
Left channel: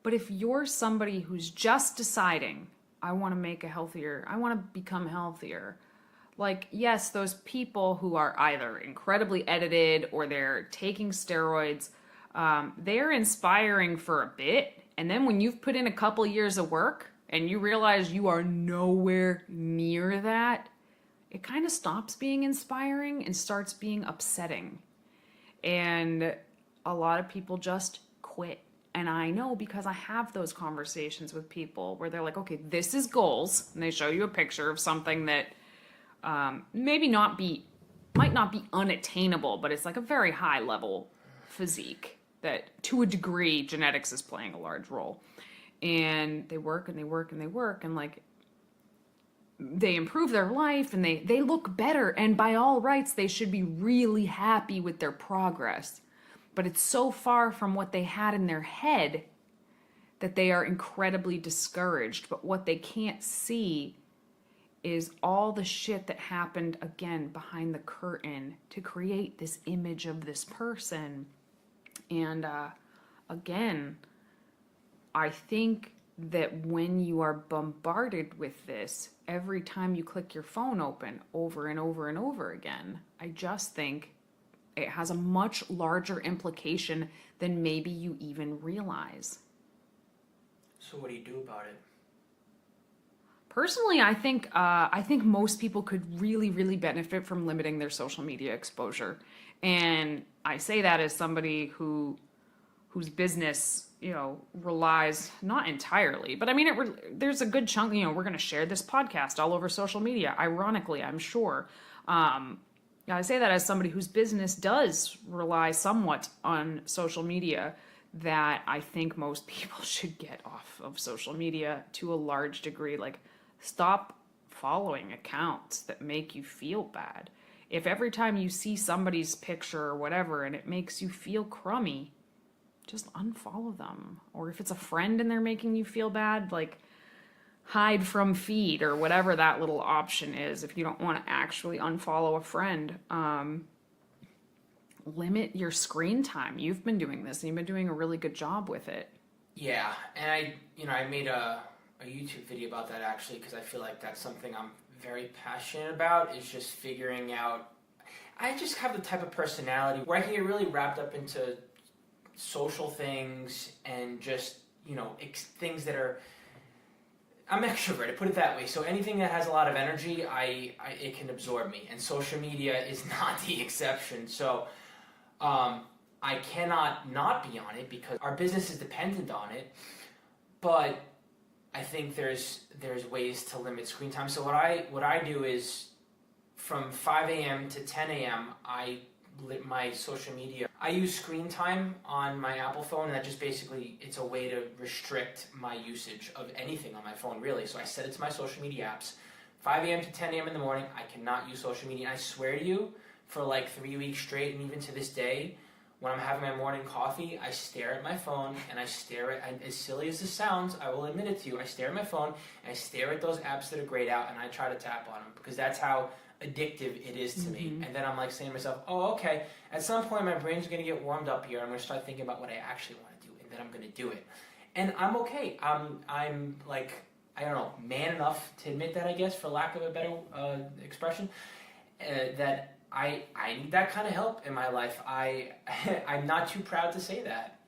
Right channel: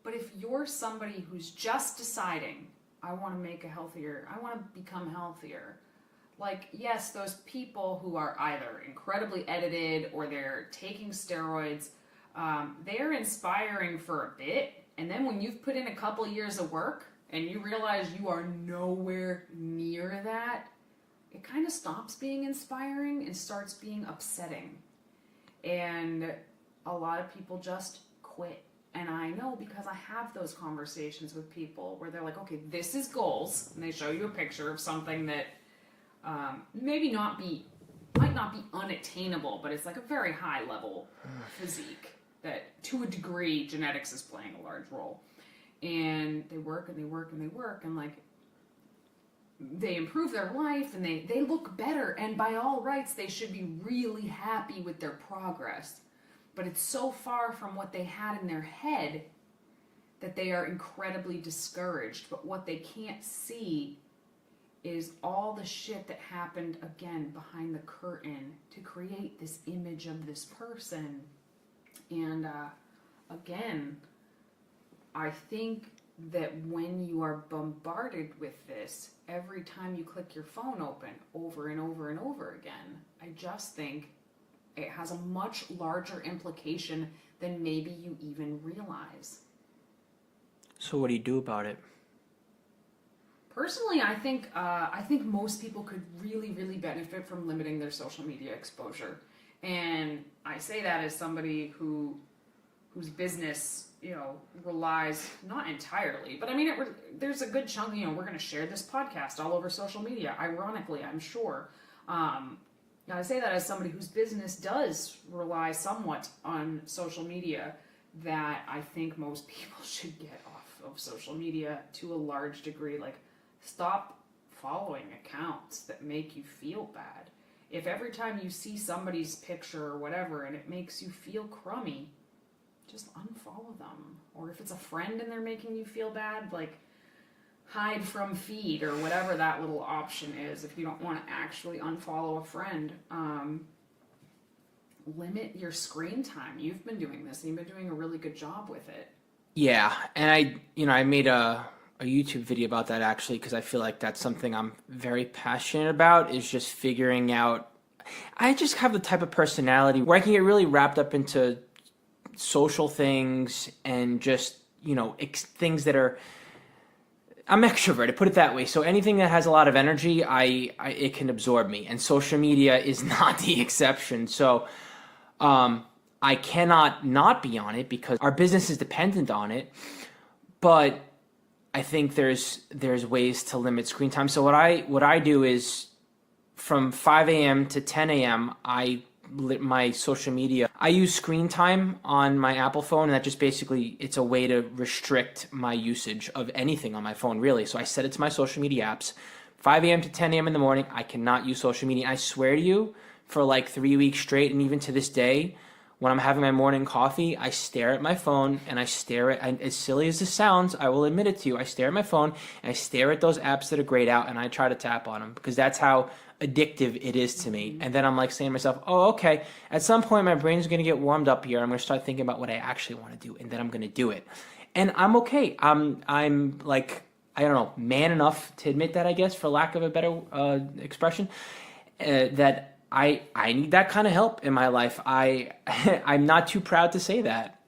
But if you're somebody who's just deciding, I want to become healthier, like, yes, those people who are either incredibly edited or they're taking steroids, they're inspiring for a bit. And then when you've put in a couple years of work and you realize you are nowhere near that, it kind of stops being inspiring and starts being upsetting. And a lot of people just quit. And I know, because I have those conversations with people where they're like, okay, this is goals. And they show you a picture of something that might not be unattainable, but it's like a very high level physique that, to a degree, genetics is playing a large role. And they work and they work and they work, and like, they improve their life and they look better, and by all rights they should be really happy with their progress. But it's so far from what they had in their head that they are incredibly discouraged. But what they can't see is all the shit that happened, again, behind the curtain to create this image of this person. And again, I think that when you are bombarded with this every time you click your phone open over and over and over again, I just think it has a much larger implication than maybe you even realize. So what do you do about it? Personally, I think most people could really, really benefit from limiting their social media exposure. And I say that as somebody whose business, relies, not entirely, but I mean, there's a good chunk, we're going to share this podcast all over social media, ironically, I'm sure. I say that as somebody whose business does rely somewhat on social media, that I think most people should get off of social media to a large degree. Like, stop following accounts that make you feel bad. If every time you see somebody's picture or whatever and it makes you feel crummy, just unfollow them. Or if it's a friend and they're making you feel bad, like, hide from feed or whatever that little option is if you don't want to actually unfollow a friend. Limit your screen time. You've been doing this and you've been doing a really good job with it. Yeah, and I made a YouTube video about that, actually, because I feel like that's something I'm very passionate about, is just figuring out. I just have the type of personality where I can get really wrapped up into social things and just, things that are, I'm extroverted, put it that way. So anything that has a lot of energy, it can absorb me, and social media is not the exception. So I cannot not be on it because our business is dependent on it. but I think there's ways to limit screen time. So what I do is from 5 a.m. to 10 a.m. I lit my social media. I use screen time on my Apple phone, and that just basically, it's a way to restrict my usage of anything on my phone, really. So I set it to my social media apps. 5 a.m. to 10 a.m. in the morning, I cannot use social media. I swear to you, for like 3 weeks straight, and even to this day, when I'm having my morning coffee, I stare at my phone and I stare at, and as silly as this sounds, I will admit it to you, I stare at my phone and I stare at those apps that are grayed out and I try to tap on them because that's how addictive it is to me. And then I'm like saying to myself, oh, okay, at some point my brain's going to get warmed up here. I'm going to start thinking about what I actually want to do, and then I'm going to do it. And I'm okay. I'm like, I don't know, man enough to admit that, I guess, for lack of a better expression, that I need that kind of help in my life. I'm not too proud to say that.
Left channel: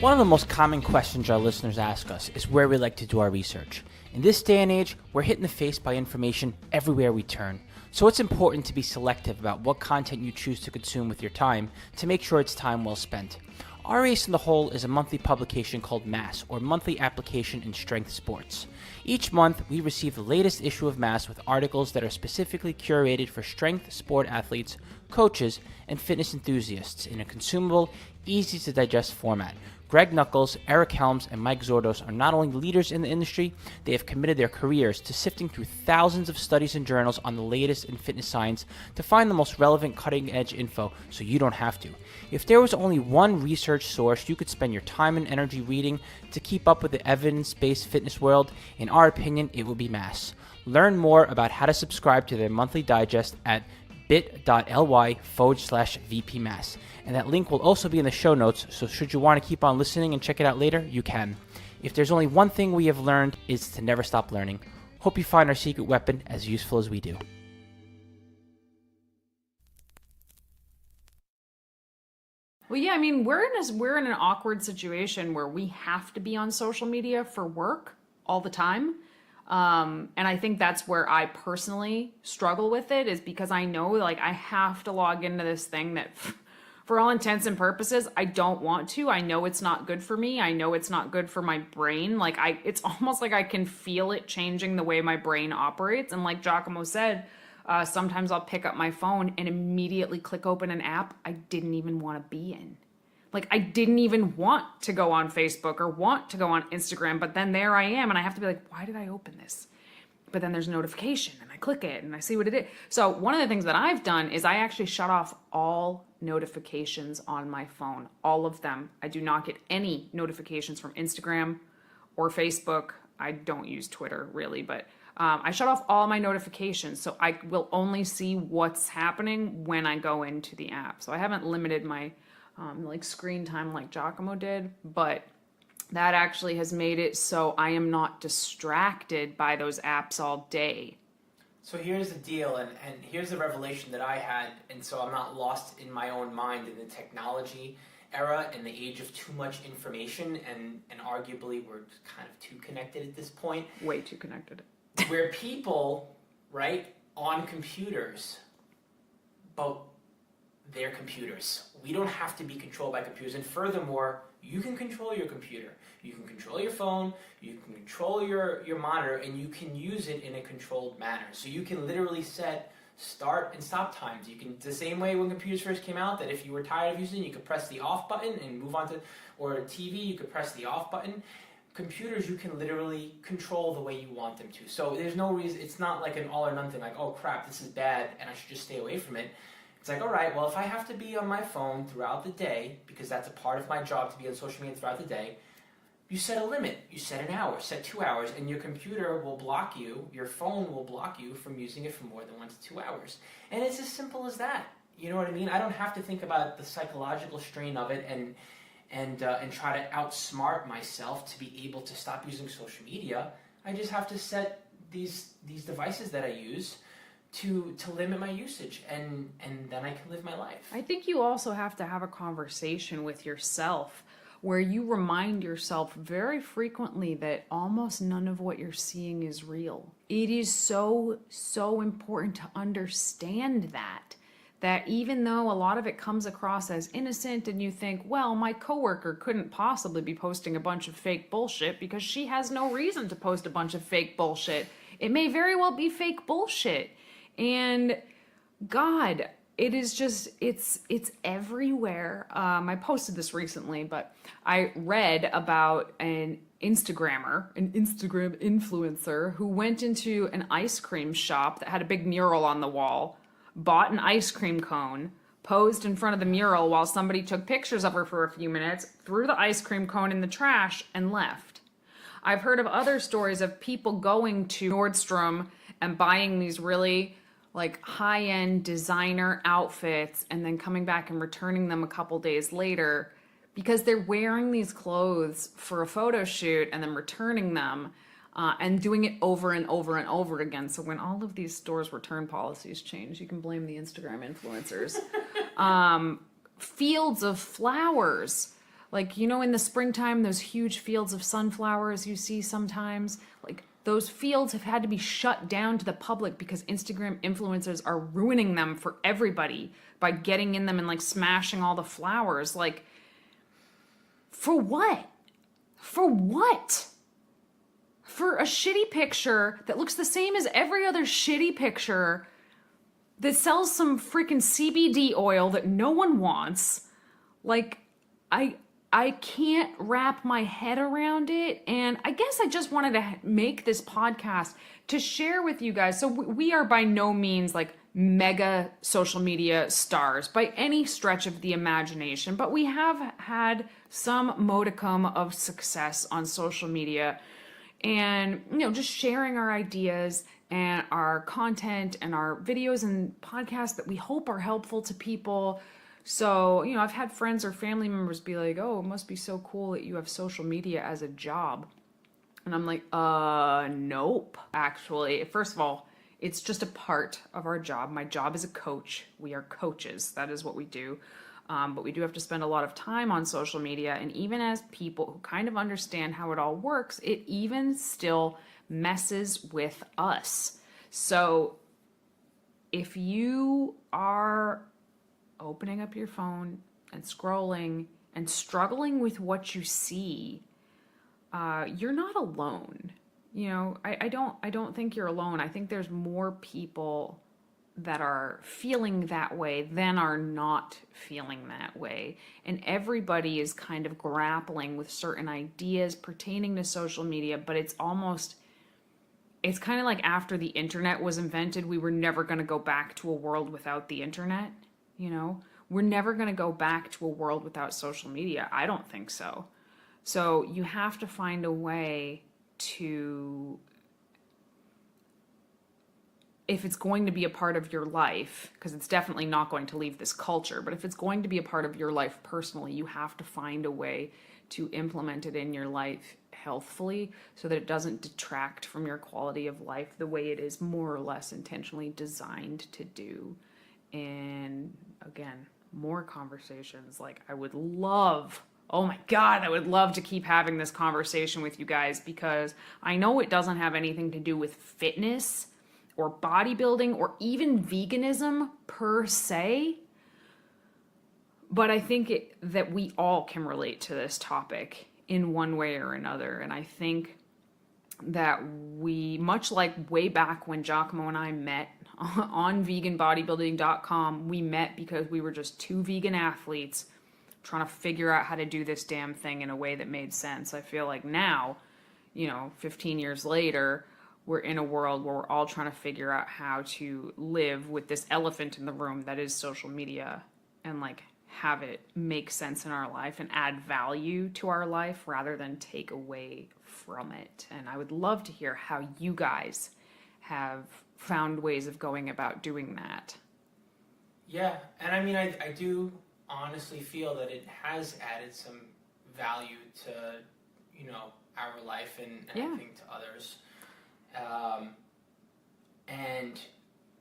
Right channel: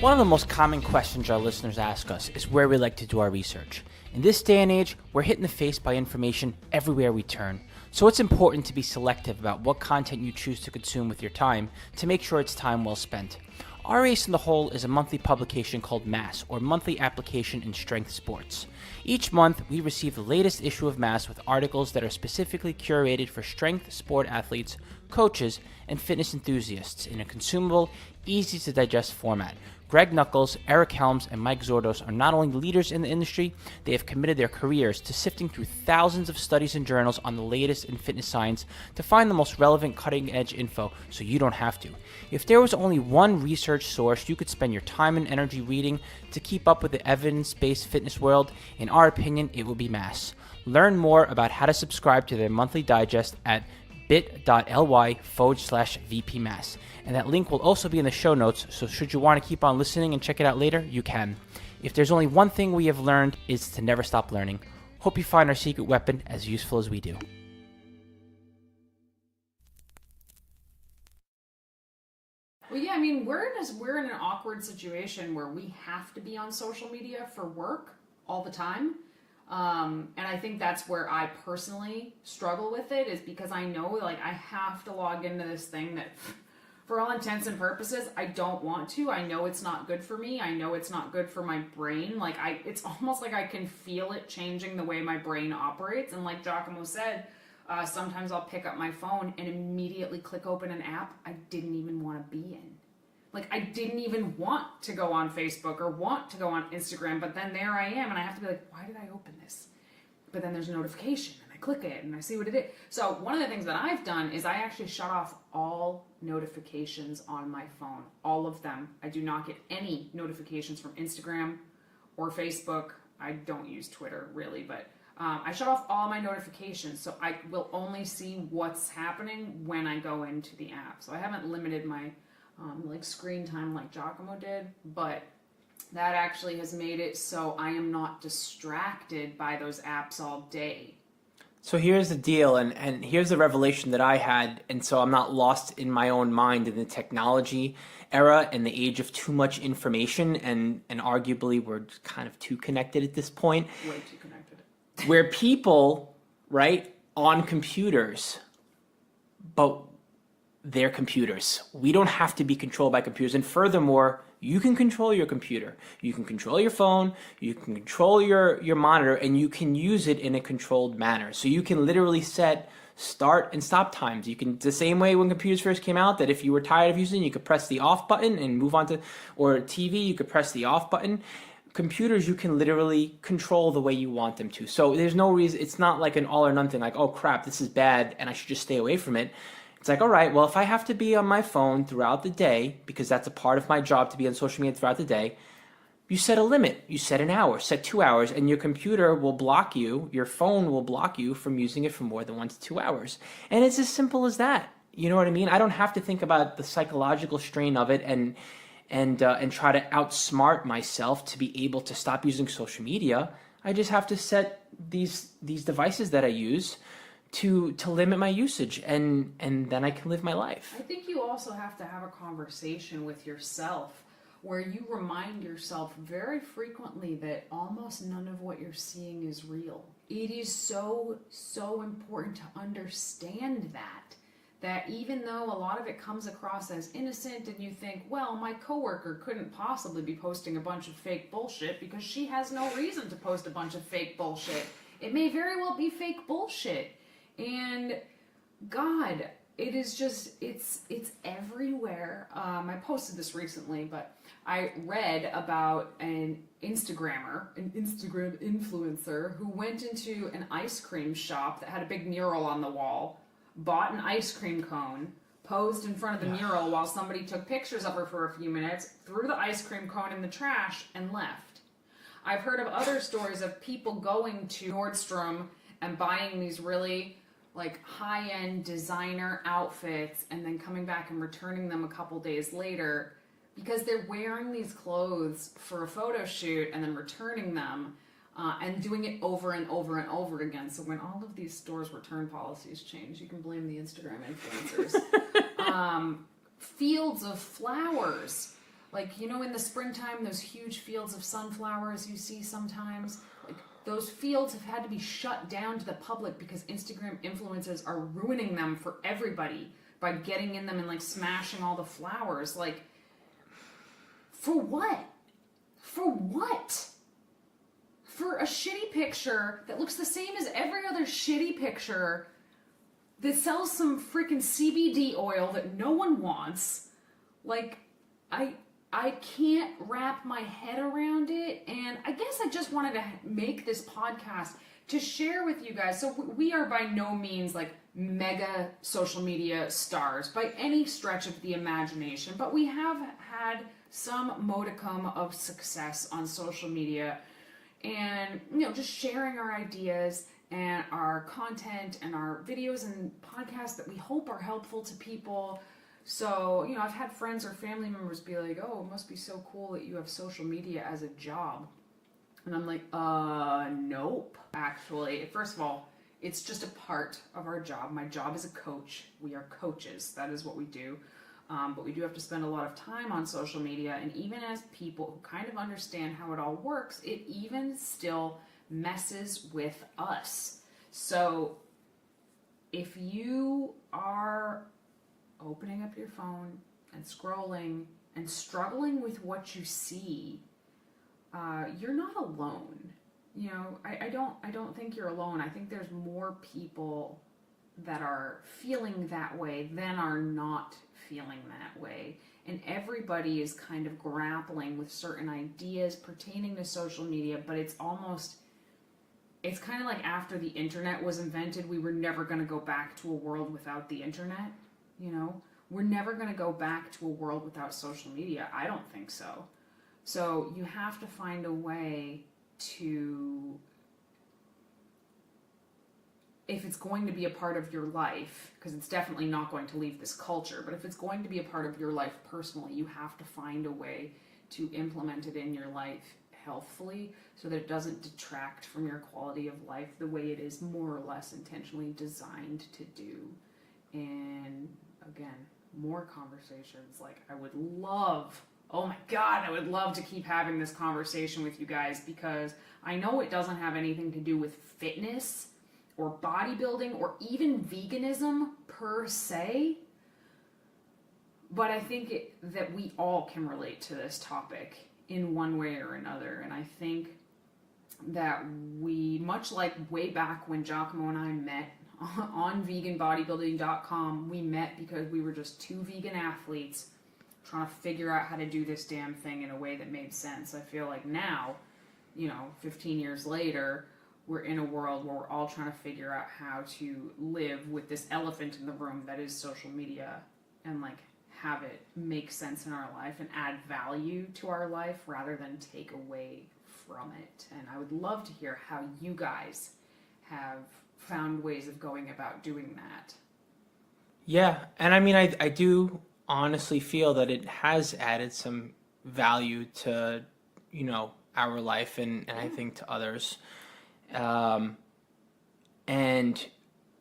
One of the most common questions our listeners ask us is where we like to do our research. In this day and age, we're hit in the face by information everywhere we turn. So it's important to be selective about what content you choose to consume with your time to make sure it's time well spent. 𝐼 in the Hole is a monthly publication called MASS, or Monthly Application in Strength Sports. Each month, we receive the latest issue of MASS with articles that are specifically curated for strength sport athletes, coaches, and fitness enthusiasts in a consumable, easy-to-digest format. Greg Nuckols, Eric Helms, and Mike Zourdos are not only leaders in the industry, they have committed their careers to sifting through thousands of studies and journals on the latest in fitness science to find the most relevant cutting-edge info so you don't have to. If there was only one research source you could spend your time and energy reading to keep up with the evidence-based fitness world, in our opinion, it would be MASS. Learn more about how to subscribe to their monthly digest at bit.ly/VPMass. And that link will also be in the show notes, so should you want to keep on listening and check it out later, you can. If there's only one thing we have learned, is to never stop learning. Hope you find our secret weapon as useful as we do. Well, yeah, I mean, we're in an awkward situation where we have to be on social media for work all the time. And I think that's where I personally struggle with it, is because I know, like, I have to log into this thing that, for all intents and purposes, I don't want to. I know it's not good for me. I know it's not good for my brain. Like, it's almost like I can feel it changing the way my brain operates. And like 𝐬𝐿 said, sometimes I'll pick up my phone and immediately click open an app I didn't even want to be in. Like, I didn't even want to go on Facebook or want to go on Instagram, but then there I am, and I have to be like, why did I open this? But then there's a notification, and I click it, and I see what it is. So one of the things that I've done is I actually shut off all notifications on my phone, all of them. I do not get any notifications from Instagram or Facebook. I don't use Twitter, really, but I shut off all my notifications, so I will only see what's happening when I go into the app. So I haven't limited my like screen time like 𝐬𝐿 did, but that actually has made it so I am not distracted by those apps all day. So here's the deal, and here's the revelation that I had, and so I'm not lost in my own mind in the technology era and the age of too much information, and arguably we're kind of too connected at this point. Way too connected. Where people, right, on computers, but they're computers. We don't have to be controlled by computers. And furthermore, you can control your computer. You can control your phone. You can control your monitor, and you can use it in a controlled manner. So you can literally set start and stop times. You can, the same way when computers first came out, that if you were tired of using, you could press the off button and move on to, or TV, you could press the off button. Computers, you can literally control the way you want them to. So there's no reason, it's not like an all or none thing, like, oh crap, this is bad and I should just stay away from it. It's like, all right, well, if I have to be on my phone throughout the day, because that's a part of my job to be on social media throughout the day, you set a limit. You set an hour, set 2 hours, and your computer will block you, your phone will block you from using it for more than 1 to 2 hours. And it's as simple as that. You know what I mean? I don't have to think about the psychological strain of it and try to outsmart myself to be able to stop using social media. I just have to set these devices that I use to limit my usage, and then I can live my life. I think you also have to have a conversation with yourself where you remind yourself very frequently that almost none of what you're seeing is real. It is so important to understand that that even though a lot of it comes across as innocent and you think, well, my coworker couldn't possibly be posting a bunch of fake bullshit because she has no reason to post a bunch of fake bullshit. It may very well be fake bullshit. And God, it is just, it's everywhere. I posted this recently, but I read about an Instagram influencer who went into an ice cream shop that had a big mural on the wall, bought an ice cream cone, posed in front of the mural while somebody took pictures of her for a few minutes, threw the ice cream cone in the trash, and left. I've heard of other stories of people going to Nordstrom and buying these really like high-end designer outfits and then coming back and returning them a couple days later because they're wearing these clothes for a photo shoot and then returning them. And doing it over and over and over again. So when all of these stores' return policies change, you can blame the Instagram influencers. Fields of flowers. Like, you know, in the springtime, those huge fields of sunflowers you see sometimes. Like, those fields have had to be shut down to the public because Instagram influencers are ruining them for everybody by getting in them and, like, smashing all the flowers. Like, for what? For what? For a shitty picture that looks the same as every other shitty picture that sells some freaking CBD oil that no one wants. Like, I can't wrap my head around it. And I guess I just wanted to make this podcast to share with you guys. So we are by no means like mega social media stars by any stretch of the imagination, but we have had some modicum of success on social media. And, you know, just sharing our ideas and our content and our videos and podcasts that we hope are helpful to people. So, you know, I've had friends or family members be like, oh, it must be so cool that you have social media as a job. And I'm like, nope. Actually, first of all, it's just a part of our job. My job is a coach. We are coaches. That is what we do. But we do have to spend a lot of time on social media. And even as people who kind of understand how it all works, it even still messes with us. So if you are opening up your phone and scrolling and struggling with what you see, you're not alone. You know, I don't think you're alone. I think there's more people that are feeling that way than are not feeling that way. And everybody is kind of grappling with certain ideas pertaining to social media, but it's kind of like after the internet was invented, we were never going to go back to a world without the internet, you know? We're never going to go back to a world without social media. I don't think so. So you have to find a way to, if it's going to be a part of your life, because it's definitely not going to leave this culture, but if it's going to be a part of your life personally, you have to find a way to implement it in your life healthfully so that it doesn't detract from your quality of life the way it is more or less intentionally designed to do. And again, more conversations. Like, I would love, oh my God, I would love to keep having this conversation with you guys, because I know it doesn't have anything to do with fitness or bodybuilding or even veganism per se, but I think that we all can relate to this topic in one way or another. And I think that we, much like way back when 𝐬𝐮𝐬𝐫𝐞 and I met on VeganProteins.com, we met because we were just two vegan athletes trying to figure out how to do this damn thing in a way that made sense. I feel like now, 15 years later, we're in a world where we're all trying to figure out how to live with this elephant in the room that is social media, and like have it make sense in our life and add value to our life rather than take away from it. And I would love to hear how you guys have found ways of going about doing that. Yeah, and I mean, I do honestly feel that it has added some value to, our life and Yeah. I think to others.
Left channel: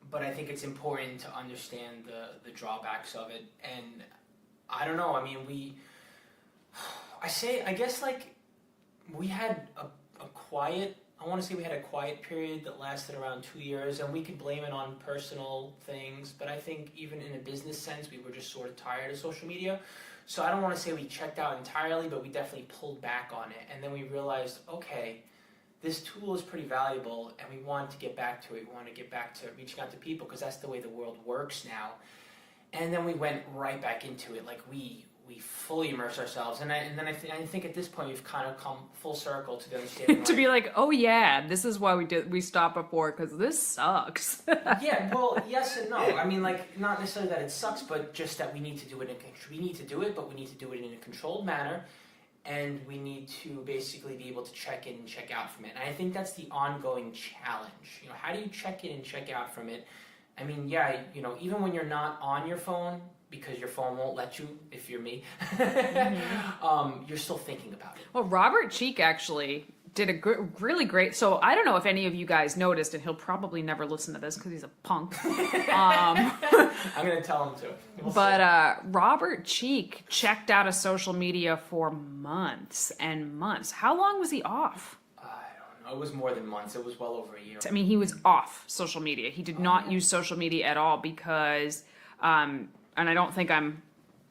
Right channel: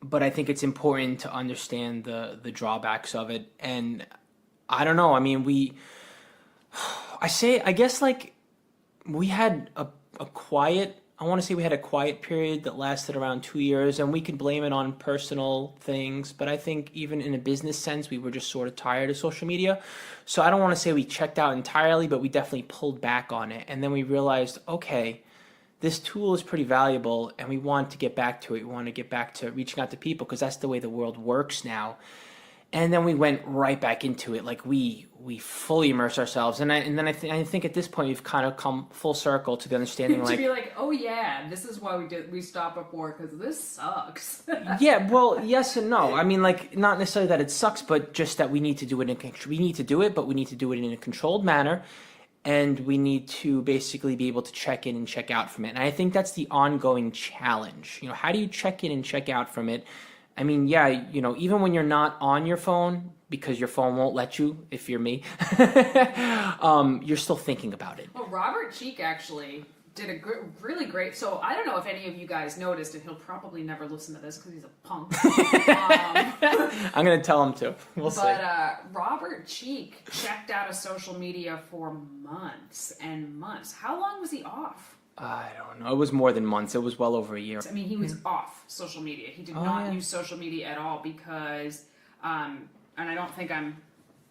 But I think it's important to understand the drawbacks of it. And I don't know, I mean, I guess like we had a quiet I want to say we had a quiet period that lasted around 2 years, and we could blame it on personal things, but I think even in a business sense, we were just sort of tired of social media. So I don't want to say we checked out entirely, but we definitely pulled back on it. And then we realized, okay, this tool is pretty valuable, and we want to get back to it. We want to get back to reaching out to people because that's the way the world works now. And then we went right back into it. Like we fully immersed ourselves. And I think at this point we've kind of come full circle to the understanding to be like, oh yeah, this is why we stopped before, because this sucks. Yeah, well, yes and no. I mean, like, not necessarily that it sucks, but just that we need to do it we need to do it, but we need to do it in a controlled manner. And we need to basically be able to check in and check out from it. And I think that's the ongoing challenge. You know, how do you check in and check out from it? I mean, yeah, you know, even when you're not on your phone, because your phone won't let you, if you're me, you're still thinking about it. Well, Robert Cheek actually did a really great, so I don't know if any of you guys noticed, and he'll probably never listen to this because he's a punk. I'm going to tell him to. We'll see. Robert Cheek checked out of social media for months and months. How long was he off? I don't know. It was more than months. It was well over a year. I mean, he was off social media. He did not use social media at all because, and I don't think I'm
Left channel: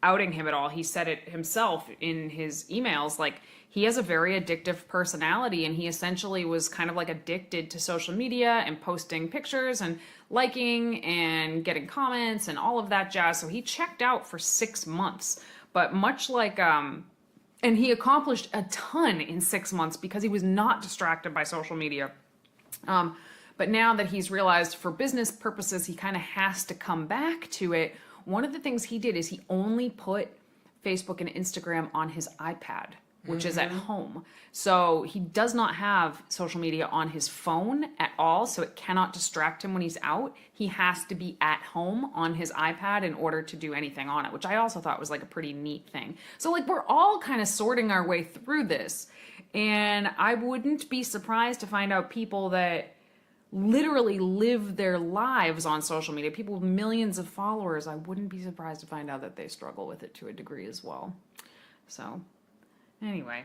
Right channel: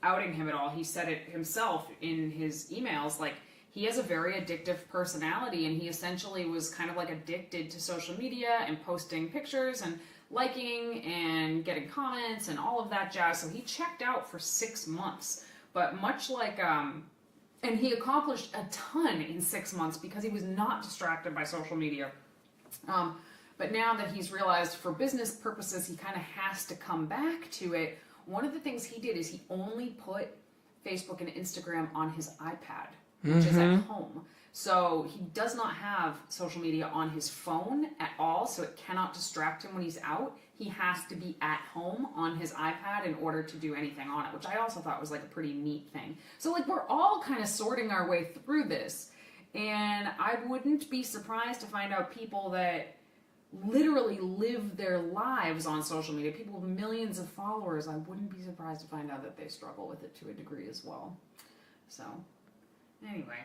outing him at all. He said it himself in his emails. Like, he has a very addictive personality, and he essentially was kind of like addicted to social media and posting pictures and liking and getting comments and all of that jazz. So he checked out for 6 months. But much like, and he accomplished a ton in 6 months because he was not distracted by social media. But now that he's realized for business purposes, he kind of has to come back to it. One of the things he did is he only put Facebook and Instagram on his iPad, which is at home. So he does not have social media on his phone at all, so it cannot distract him when he's out. He has to be at home on his iPad in order to do anything on it, which I also thought was like a pretty neat thing. So like we're all kind of sorting our way through this, and I wouldn't be surprised to find out people that literally live their lives on social media, people with millions of followers. I wouldn't be surprised to find out that they struggle with it to a degree as well. So anyway,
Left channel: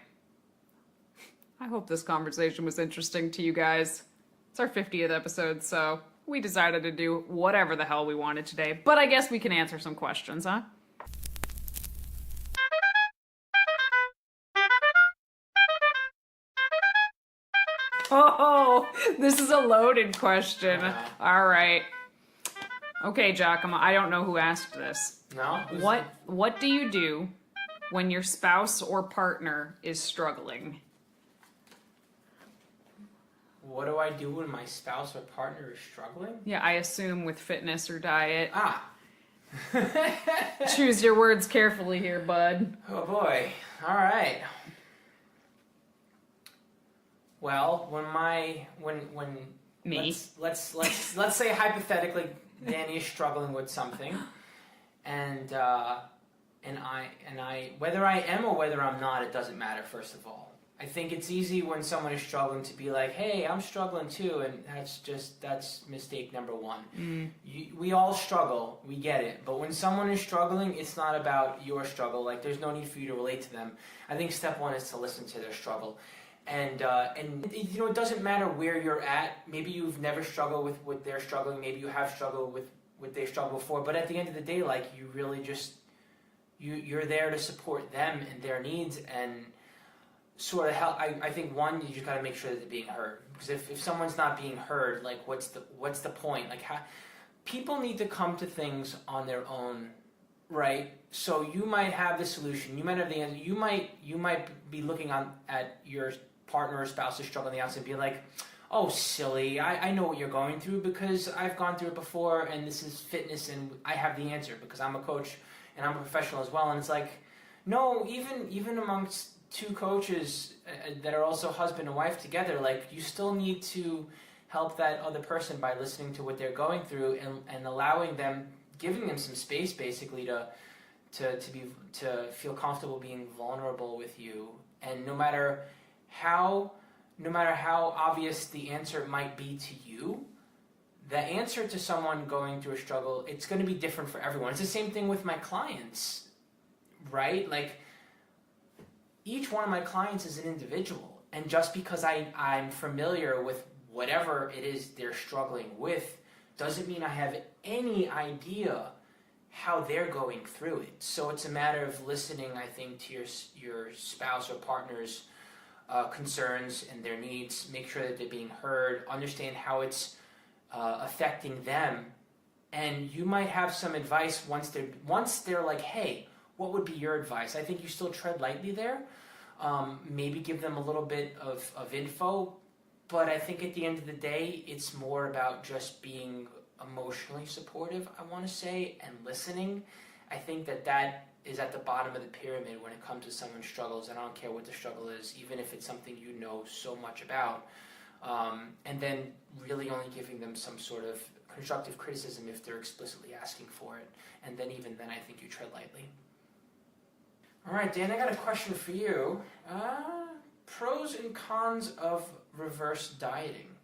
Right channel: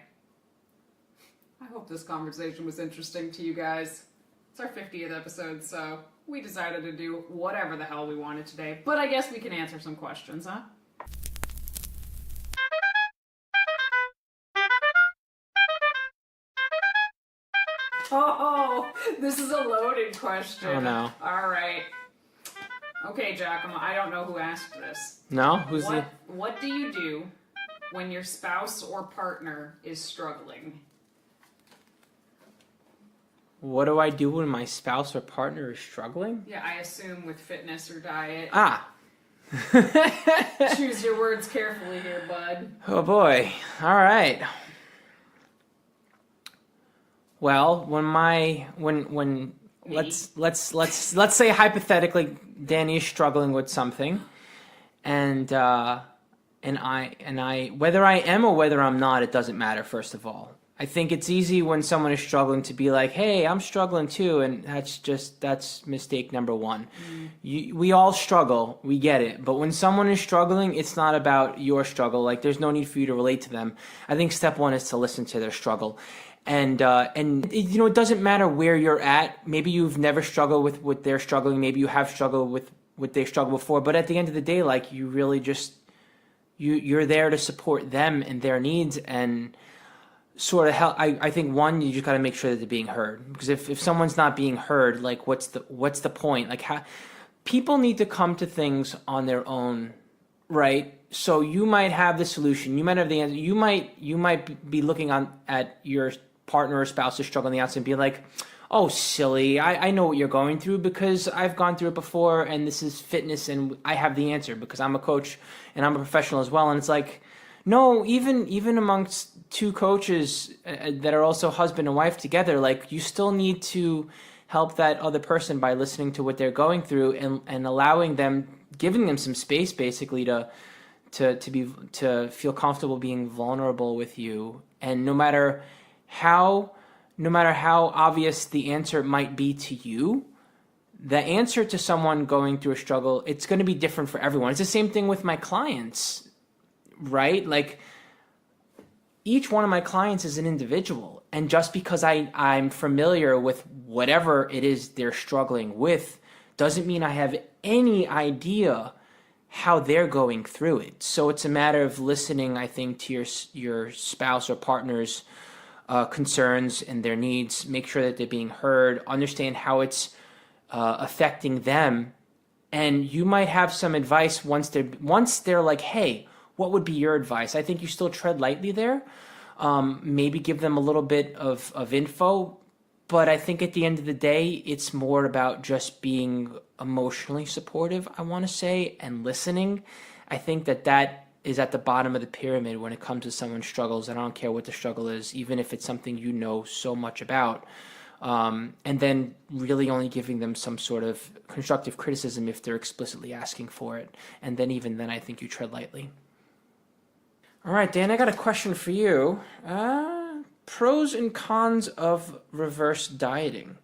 I hope this conversation was interesting to you guys. It's our 50th episode, so we decided to do whatever the hell we wanted today. But I guess we can answer some questions, huh? Oh, this is a loaded question. Oh, no. All right. Okay, Giacomo, I don't know who asked this. No? What do you do when your spouse or partner is struggling? What do I do when my spouse or partner is struggling? Yeah, I assume with fitness or diet. Ah. Choose your words carefully here, bud. Oh boy. All right. Well, when let's say hypothetically Danny is struggling with something, and I whether I am or whether I'm not, it doesn't matter. First of all, I think it's easy when someone is struggling to be like, "Hey, I'm struggling too," and that's mistake number one. We all struggle, we get it, but when someone is struggling, it's not about your struggle. Like, there's no need for you to relate to them. I think step one is to listen to their struggle. And you know, it doesn't matter where you're at. Maybe you've never struggled with what they're struggling. Maybe you have struggled with what they struggled before. But at the end of the day, like, you really just you're there to support them and their needs and sort of help. I think one, you just got to make sure that they're being heard, because if someone's not being heard, like, what's the point? Like, how people need to come to things on their own, right? So you might have the solution. You might have the answer. You might be looking at your partner or spouse is struggling on the outside and be like, oh, silly, I know what you're going through because I've gone through it before, and this is fitness, and I have the answer because I'm a coach and I'm a professional as well. And it's like, no, even amongst two coaches that are also husband and wife together, like, you still need to help that other person by listening to what they're going through and allowing them, giving them some space basically to feel comfortable being vulnerable with you. And no matter how obvious the answer might be to you, the answer to someone going through a struggle, it's going to be different for everyone. It's the same thing with my clients, right? Like, each one of my clients is an individual, And just because I'm familiar with whatever it is they're struggling with doesn't mean I have any idea how they're going through it. So it's a matter of listening, I think, to your spouse or partner's concerns and their needs, make sure that they're being heard, understand how it's affecting them. And you might have some advice once they're like, hey, what would be your advice? I think you still tread lightly there. Maybe give them a little bit of info, but I think at the end of the day, it's more about just being emotionally supportive, I want to say, and listening. I think that is at the bottom of the pyramid when it comes to someone's struggles. I don't care what the struggle is, even if it's something you know so much about. And then really only giving them some sort of constructive criticism if they're explicitly asking for it. And then even then, I think you tread lightly. All right, Dan, I got a question for you. Pros and cons of reverse dieting.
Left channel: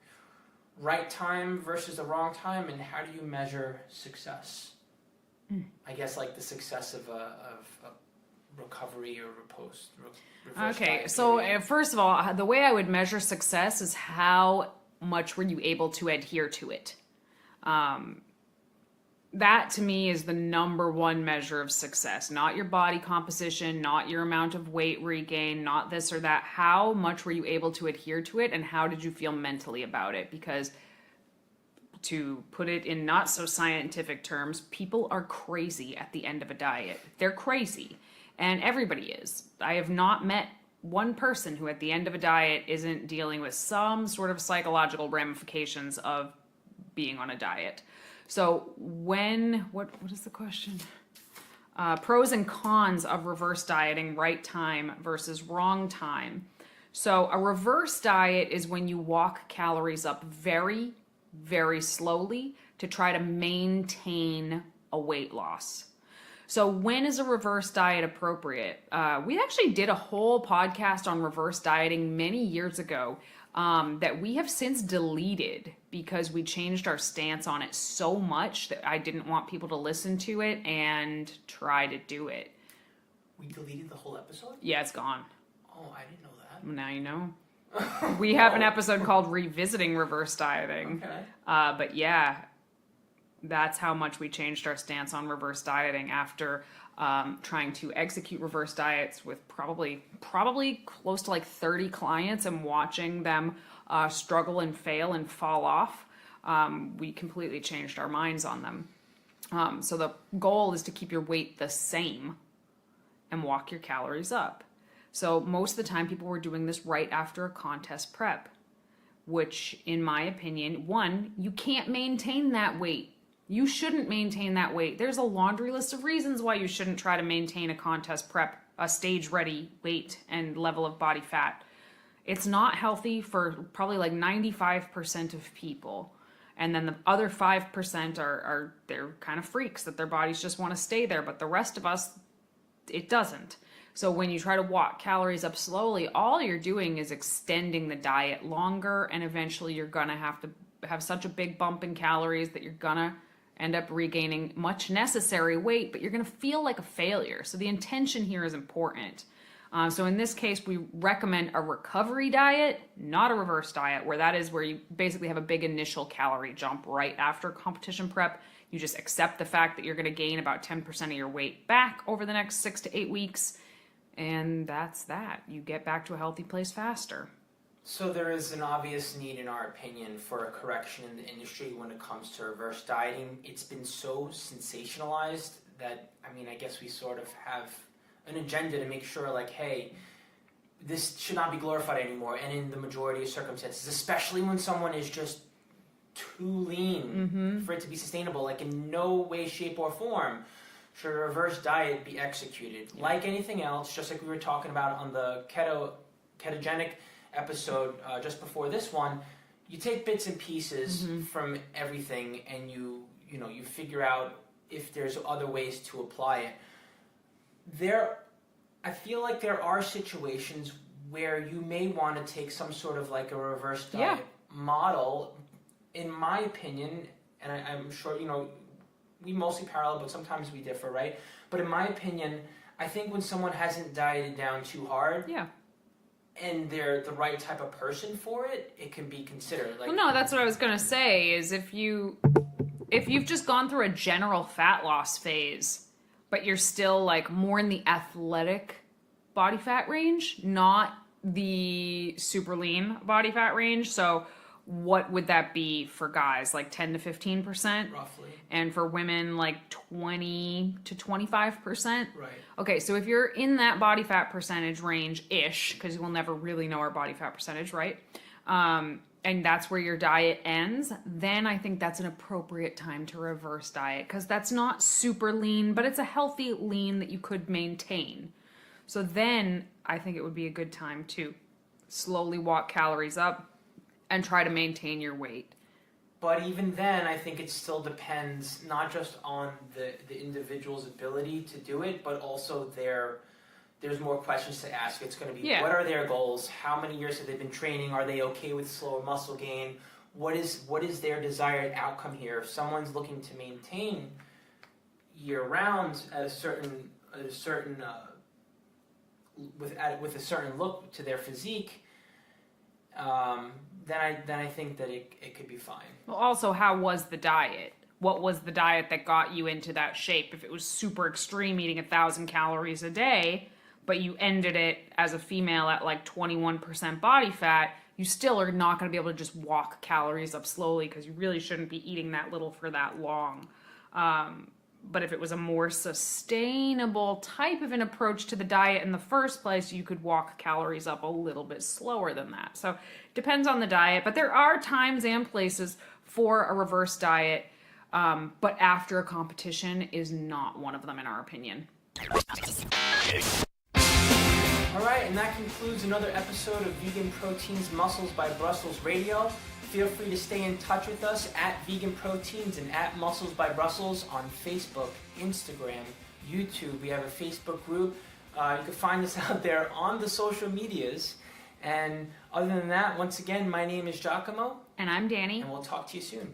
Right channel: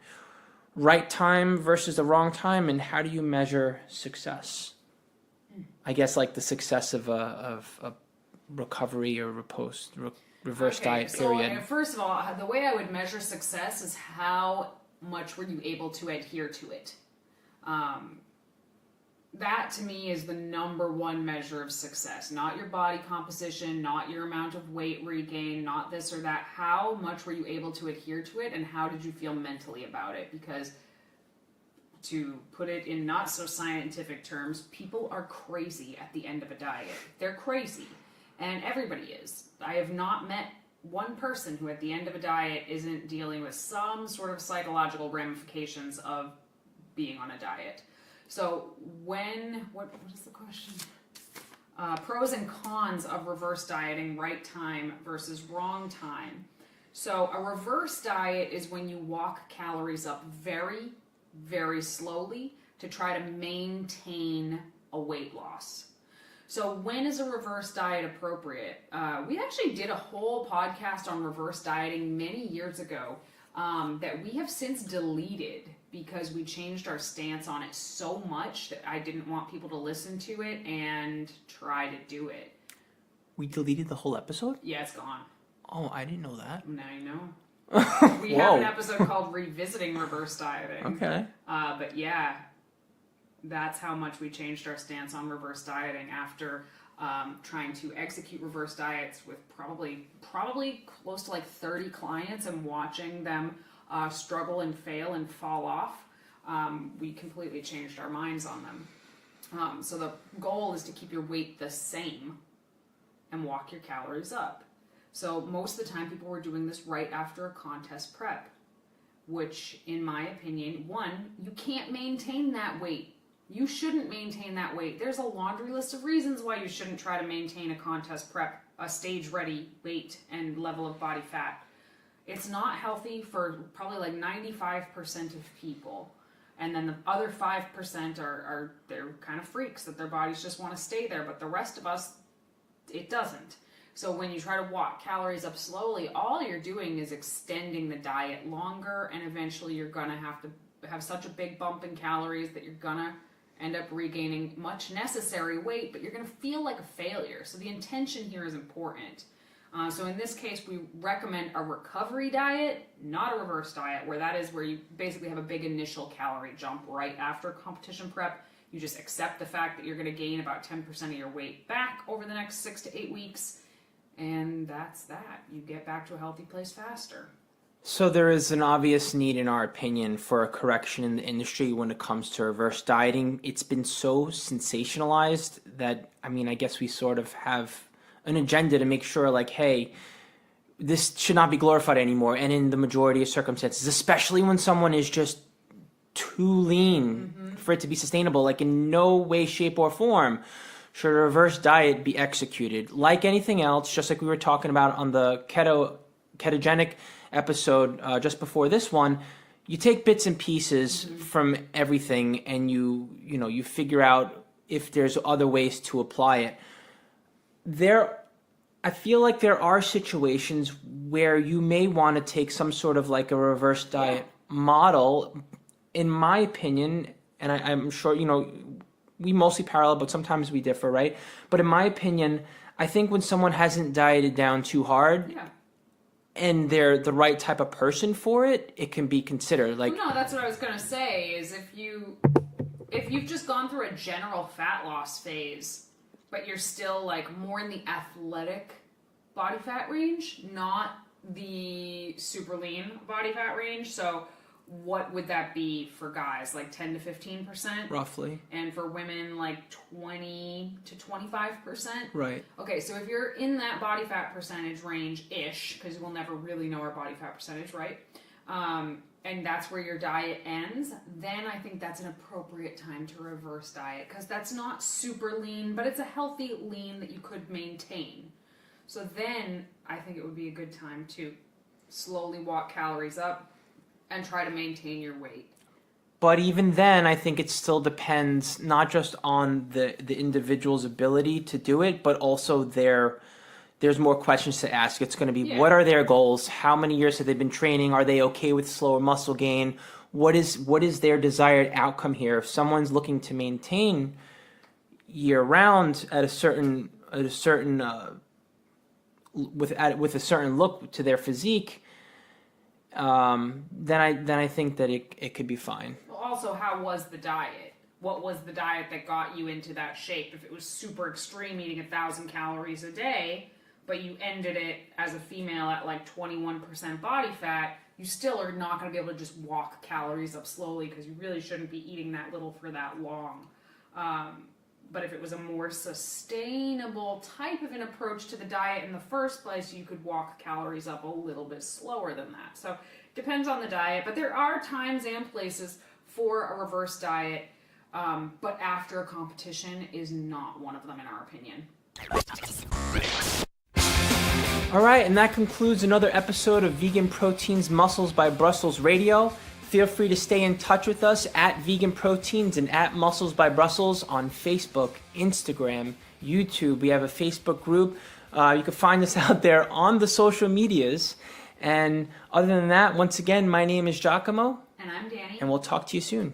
Right time versus the wrong time, and how do you measure success? I guess like the success of a recovery or reverse diet period. So first of all, the way I would measure success is how much were you able to adhere to it. That to me is the number one measure of success. Not your body composition, not your amount of weight regain, not this or that. How much were you able to adhere to it, and how did you feel mentally about it? Because to put it in not so scientific terms, people are crazy at the end of a diet. They're crazy, and everybody is. I have not met one person who at the end of a diet isn't dealing with some sort of psychological ramifications of being on a diet. So what is the question? Pros and cons of reverse dieting, right time versus wrong time. So a reverse diet is when you walk calories up very, very slowly to try to maintain a weight loss. So when is a reverse diet appropriate? We actually did a whole podcast on reverse dieting many years ago that we have since deleted because we changed our stance on it so much that I didn't want people to listen to it and try to do it. We deleted the whole episode? Yeah, it's gone. Oh, I didn't know that. Now you know. We have an episode called Revisiting Reverse Dieting. Okay. But yeah, that's how much we changed our stance on reverse dieting after trying to execute reverse diets with probably close to like 30 clients and watching them struggle and fail and fall off. We completely changed our minds on them. So the goal is to keep your weight the same and walk your calories up. So most of the time people were doing this right after a contest prep, which in my opinion, one, you can't maintain that weight. You shouldn't maintain that weight. There's a laundry list of reasons why you shouldn't try to maintain a contest prep, a stage ready weight and level of body fat. It's not healthy for probably like 95% of people. And then the other 5% are they're kind of freaks that their bodies just want to stay there. But the rest of us, it doesn't. So when you try to walk calories up slowly, all you're doing is extending the diet longer. And eventually you're going to have such a big bump in calories that you're going to end up regaining much necessary weight, but you're going to feel like a failure. So the intention here is important. So in this case, we recommend a recovery diet, not a reverse diet, where that is where you basically have a big initial calorie jump right after competition prep. You just accept the fact that you're going to gain about 10% of your weight back over the next 6 to 8 weeks. And that's that. You get back to a healthy place faster. So there is an obvious need, in our opinion, for a correction in the industry when it comes to reverse dieting. It's been so sensationalized that, I mean, I guess we sort of have an agenda to make sure, like, hey, this should not be glorified anymore. And in the majority of circumstances, especially when someone is just too lean for it to be sustainable, like in no way, shape, or form should a reverse diet be executed. Like anything else, just like we were talking about on the ketogenic episode just before this one, you take bits and pieces from everything and you figure out if there's other ways to apply it. I feel like there are situations where you may want to take some sort of like a reverse diet model. In my opinion, and I'm sure, we mostly parallel, but sometimes we differ, right? But in my opinion, I think when someone hasn't dieted down too hard, and they're the right type of person for it, it can be considered. Like, well, no, that's what I was gonna say. Is if you've just gone through a general fat loss phase, but you're still like more in the athletic body fat range, not the super lean body fat range. So what would that be for guys? Like 10 to 15%? roughly. And for women, like 20 to 25%? Right. Okay, so if you're in that body fat percentage range-ish, because we'll never really know our body fat percentage, right? And that's where your diet ends, then I think that's an appropriate time to reverse diet, because that's not super lean, but it's a healthy lean that you could maintain. So then I think it would be a good time to slowly walk calories up and try to maintain your weight. But even then, I think it still depends not just on the individual's ability to do it, but also there's more questions to ask. It's going to be, what are their goals? How many years have they been training? Are they okay with slower muscle gain? What is their desired outcome here? If someone's looking to maintain year round at a certain with a certain look to their physique, then I think that it could be fine. Well, also, how was the diet? What was the diet that got you into that shape? If it was super extreme, eating 1,000 calories a day, but you ended it as a female at like 21% body fat, you still are not going to be able to just walk calories up slowly, because you really shouldn't be eating that little for that long. But if it was a more sustainable type of an approach to the diet in the first place, you could walk calories up a little bit slower than that. So it depends on the diet, but there are times and places for a reverse diet, but after a competition is not one of them in our opinion. All right, and that concludes another episode of Vegan Proteins Muscles by Brussels Radio. Feel free to stay in touch with us at Vegan Proteins and at Muscles by Brussels on Facebook, Instagram, YouTube. We have a Facebook group. You can find us out there on the social medias. And other than that, once again, my name is 𝐬𝐮𝐬𝐫𝐞. And I'm Danny. And we'll talk to you soon.